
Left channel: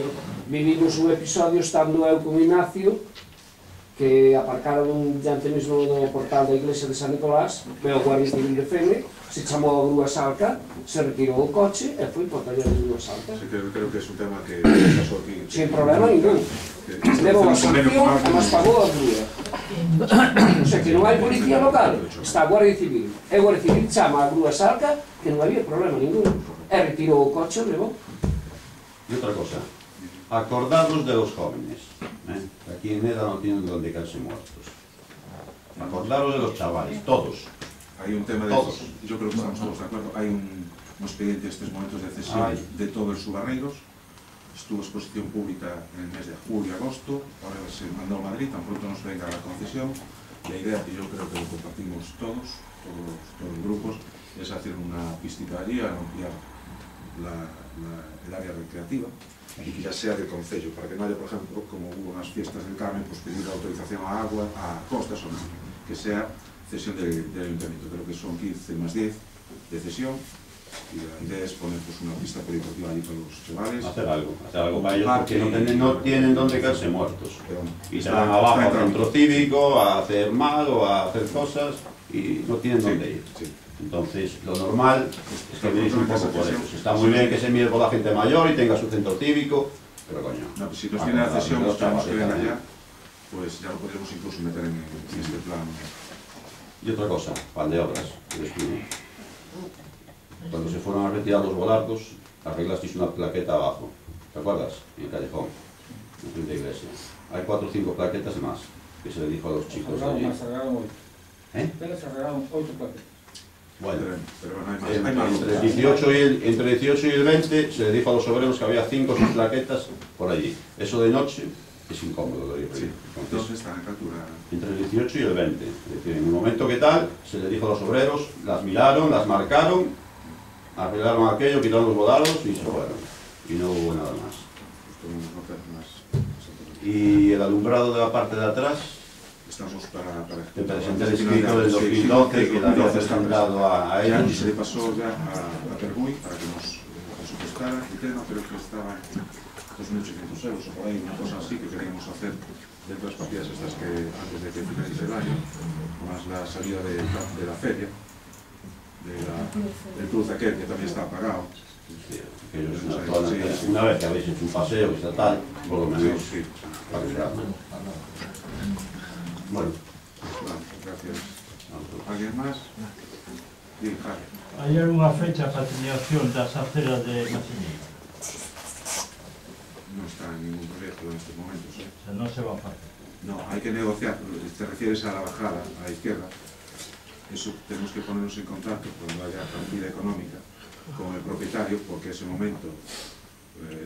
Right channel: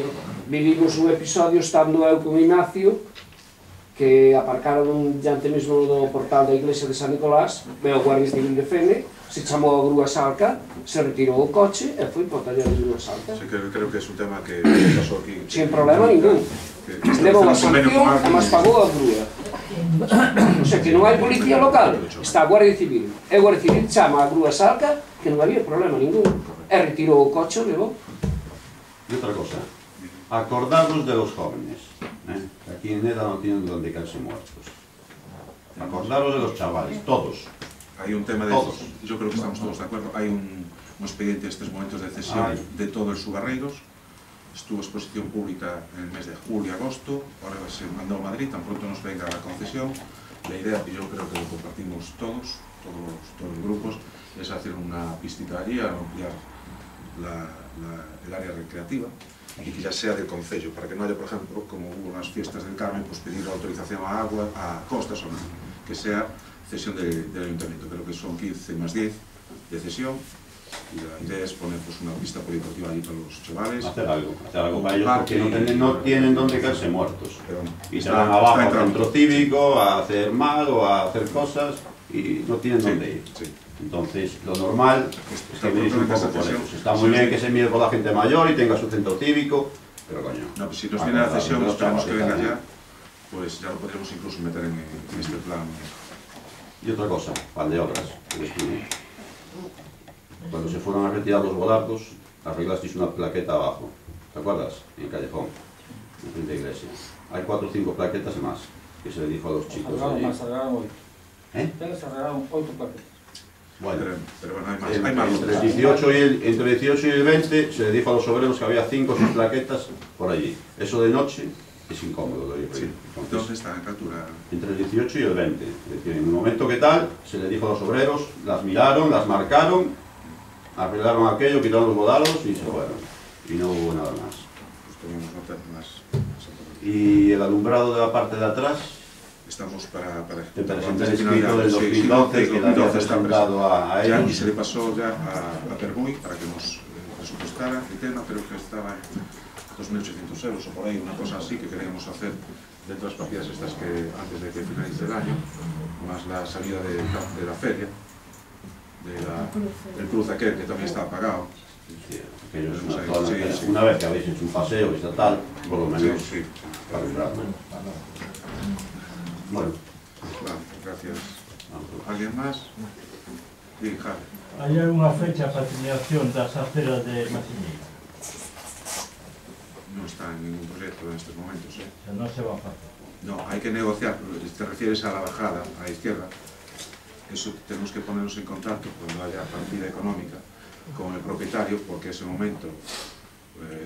vivimos un episodio estando eu con Ignacio que aparcaron diante mesmo do portal da iglesia de San Nicolás, veo o Guardia Civil de Fene, se chamou a grúa Salca, se retirou o coche e foi por taller de grúa Salca. Sí, creo que es un tema que pasó aquí. Sin problema ningún. Levou a sanción e máis pagou a grúa. O sea, que non hai policía local, está a Guardia Civil. E a Guardia Civil chama a grúa Salca que non había problema ningún. E retirou o coche, levou. Y otra cosa, acordaros de los jóvenes. Aquí en EDA no tienen donde caerse muertos. Acordaros de los chavales, todos. Hay un tema de... Todos. Yo creo que estamos todos de acuerdo. Hay un expediente de estos momentos de cesión de todo el Subarreiros. Estuvo exposición pública en el mes de julio y agosto. Ahora se mandó a Madrid, tan pronto nos venga la concesión. La idea, que yo creo que lo compartimos todos los grupos, es hacer una pistita allí, a ampliar el área recreativa y que ya sea del concello, para que no haya, por ejemplo, como hubo unas fiestas del Carmen, pues pedir autorización a agua, a costas o no, que sea cesión del ayuntamiento. Creo que son 15 más 10 de cesión, y la idea es poner pues, una pista polideportiva allí para los chavales. Hacer algo para ellos, porque no tienen donde caerse muertos. Y se van abajo al centro cívico a hacer mal o a hacer cosas y no tienen dónde ir. Entonces, lo normal es que venís un poco por eso. Está muy bien que se mire por la gente mayor y tenga su centro cívico, pero coño. No, pues si nos viene la cesión, esperamos que venga ya, pues ya lo podríamos incluso meter en este plan. Y otra cosa, plan de obras. Cuando se fueron a retirar los volardos, arreglasteis una plaqueta abajo, ¿te acuerdas? En el callejón, en frente de iglesia. Hay 4 o 5 plaquetas más que se le dijo a los chicos allí. Se arreglaron 8. ¿Eh? Se arreglaron 8 plaquetas. Bueno, pero hay más. Entre el 18 y el 20 se le dijo a los obreros que había 5 o 6 plaquetas por allí. Eso de noche es incómodo de ir. Sí. ¿Dónde está? ¿En qué altura? Entre el 18 y el 20. Es decir, en el momento que tal, se le dijo a los obreros, las miraron, las marcaron, arreglaron aquello, quitaron los volardos y se fueron. Y no hubo nada más. Y el alumbrado de la parte de atrás, estamos para te presenté el escrito del 2012 que le había presentado a ellos. Y se le pasó ya a Perguy para que nos presupuestara el tema, pero que estaba en 2.800 euros o por ahí, una cosa así que queríamos hacer dentro de las partidas estas que antes de que finalice el año, más la salida de la feria, del cruz aquel que también está pagado. Una vez que habéis hecho un paseo estatal, por lo menos para comprarlo. Bueno, gracias. ¿Alguien más? Sí, Javi. ¿Hay alguna fecha para terminación das aceras de Masiñeira? No está en ningún proyecto en estos momentos. O sea, no se va a hacer. No, hay que negociar. Te refieres a la bajada, a la izquierda. Eso tenemos que ponernos en contacto cuando haya partida económica con el propietario, porque en ese momento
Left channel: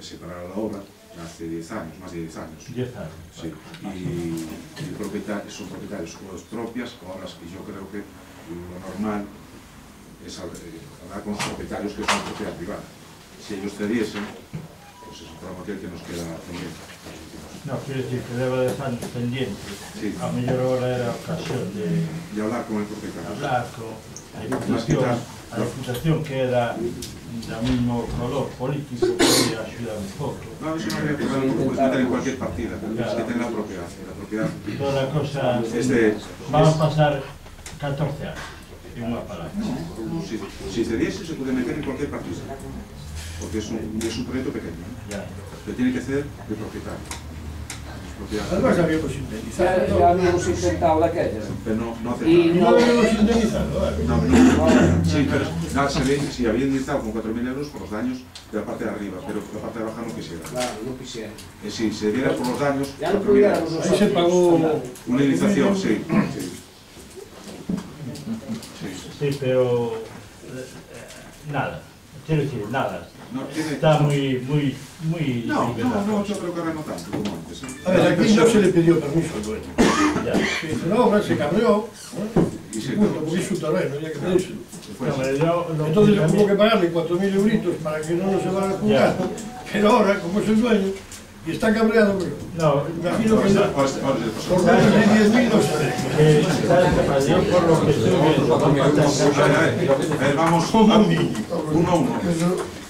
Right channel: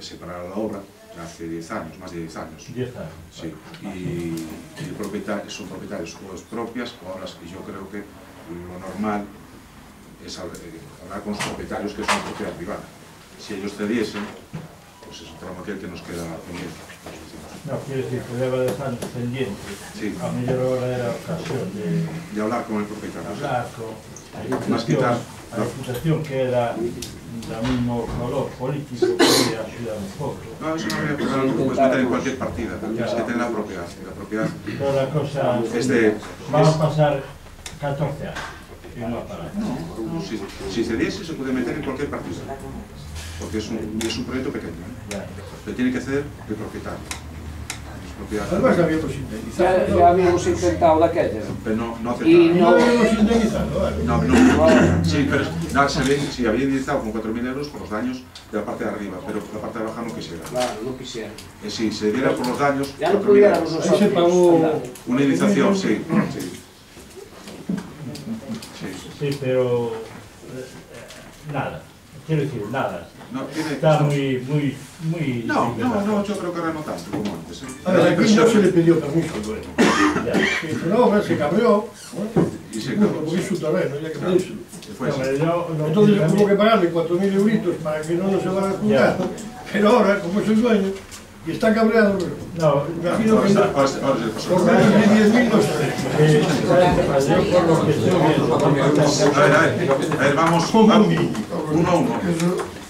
se parará la obra hace 10 años, más de 10 años. 10 años. Sí, y el propietario, son propietarios obras propias, obras que yo creo que lo normal es hablar con los propietarios que son propiedad privada. Si ellos cediesen, pues es un tramo aquel que nos queda pendiente. No, quiero decir que lleva 10 años pendiente. Sí. A mí ahora era ocasión de hablar con el propietario. Hablar con a Diputación que era del mismo color político que ayudar un poco. No, eso no habría problema, lo puedes meter en cualquier partida, es que tenga la propiedad. Toda la cosa es de... van a pasar 14 años en una parada. No, si cediese se puede meter en cualquier partida, porque es un proyecto pequeño, pero tiene que ceder el propietario. Además habíamos indemnizado. Ya habíamos intentado la calle. Pero no aceptaron. No habíamos indemnizado. Sí, pero se había indemnizado con 4.000 euros por los daños de la parte de arriba, pero la parte de abajo no quisiera. Claro, no quisiera. Si se diera por los daños, ya no pudiéramos nosotros. Ahí se pagó una indemnización, sí. Sí, pero nada. Quiero decir, nada. No, está muy no, yo creo que ahora no tanto como antes. A ver, aquí no se le pidió permiso al dueño. No, se cabreó, porque es su terreno, ya que pedírselo. Entonces hubo que pagarle 4.000 euritos para que no nos llevara a juzgar, pero ahora, como es el dueño, y está cabreado, no, imagino que por menos de 10.000 no se yo por lo que estoy viendo, a ver, vamos uno a uno.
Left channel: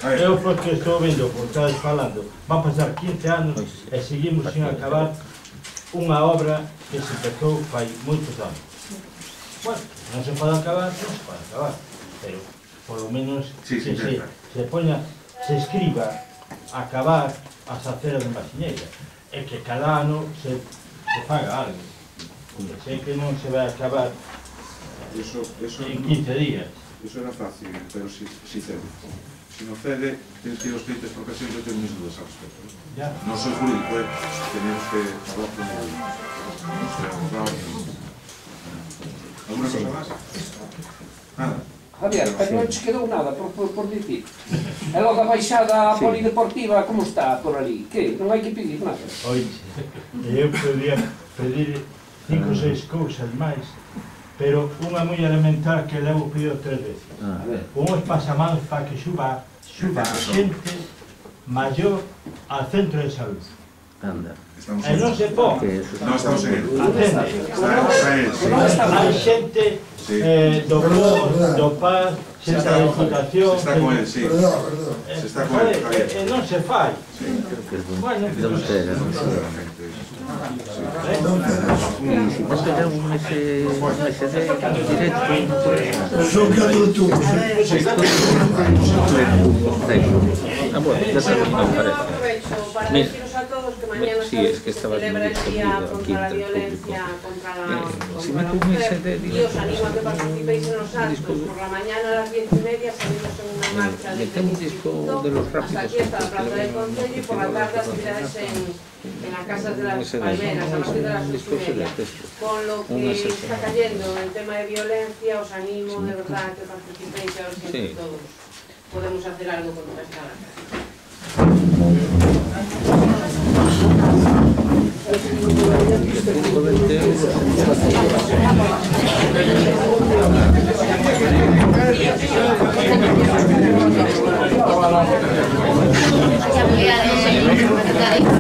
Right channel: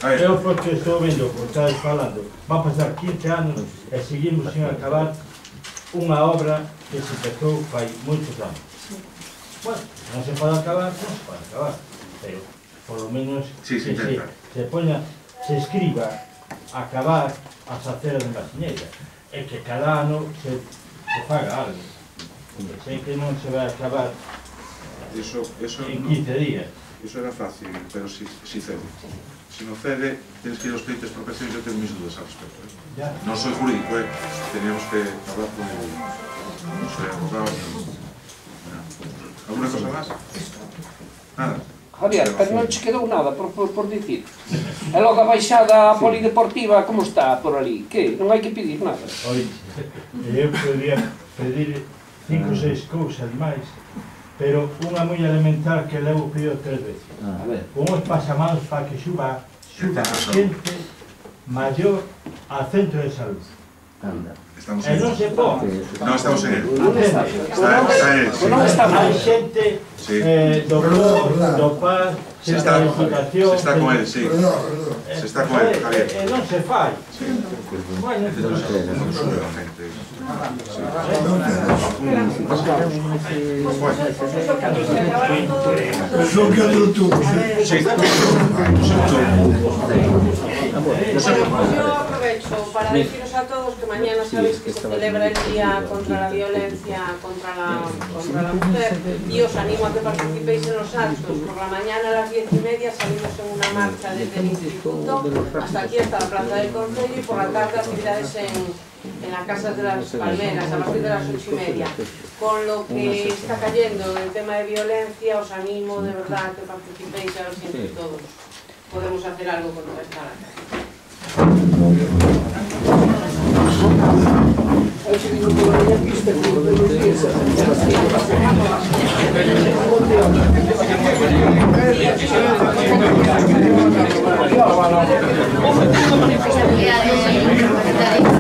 Eu porque estou vendo, como estabas falando, van pasar 15 anos e seguimos sin acabar unha obra que se empezou fai moitos anos. Bueno, non se pode acabar, pero por lo menos que se poña, se escriba acabar as aceras de Masiñeira e que cada ano se faga algo. Sei que non se vai acabar en 15 días. Eso era fácil, pero si cede. Si no cede, tienes que ir a los clientes de expropiación y yo tengo mis dudas al respecto. No soy jurídico, teníamos que hablar con el abogado. ¿Alguna cosa más? Nada. Javier, pero non che quedou nada por dicir. E logo a baixada polideportiva, como está por ali? Que? Non hai que pedir nada? Oye, eu podría pedir 5 ou 6 cousas máis, pero unha moi elemental que levo pedido 3 veces. Unhos pasamanos para que suba a xente maior ao centro de salud. Estamos E non se pon. No, estamos en él. Está en él, sí. Hai xente do POR, do PAS, Se xente da Diputación... Se está con él, sí. Se está con él, Javier. E non se fai. Bueno, Yo aprovecho para deciros a todos que mañana sabéis que se celebra el Día contra la Violencia contra la Mujer y os animo a que participéis en los actos. Por la mañana a las 10:30 salimos en una marcha desde el Instituto hasta aquí, hasta la Plaza del Concello, y por la tarde actividades en la Casa de las Palmeras a partir de las 8:30. Con lo que está cayendo en el tema de violencia, os animo de verdad a que participéis, a ver si entre todos podemos hacer algo contra esta lacra. Gracias.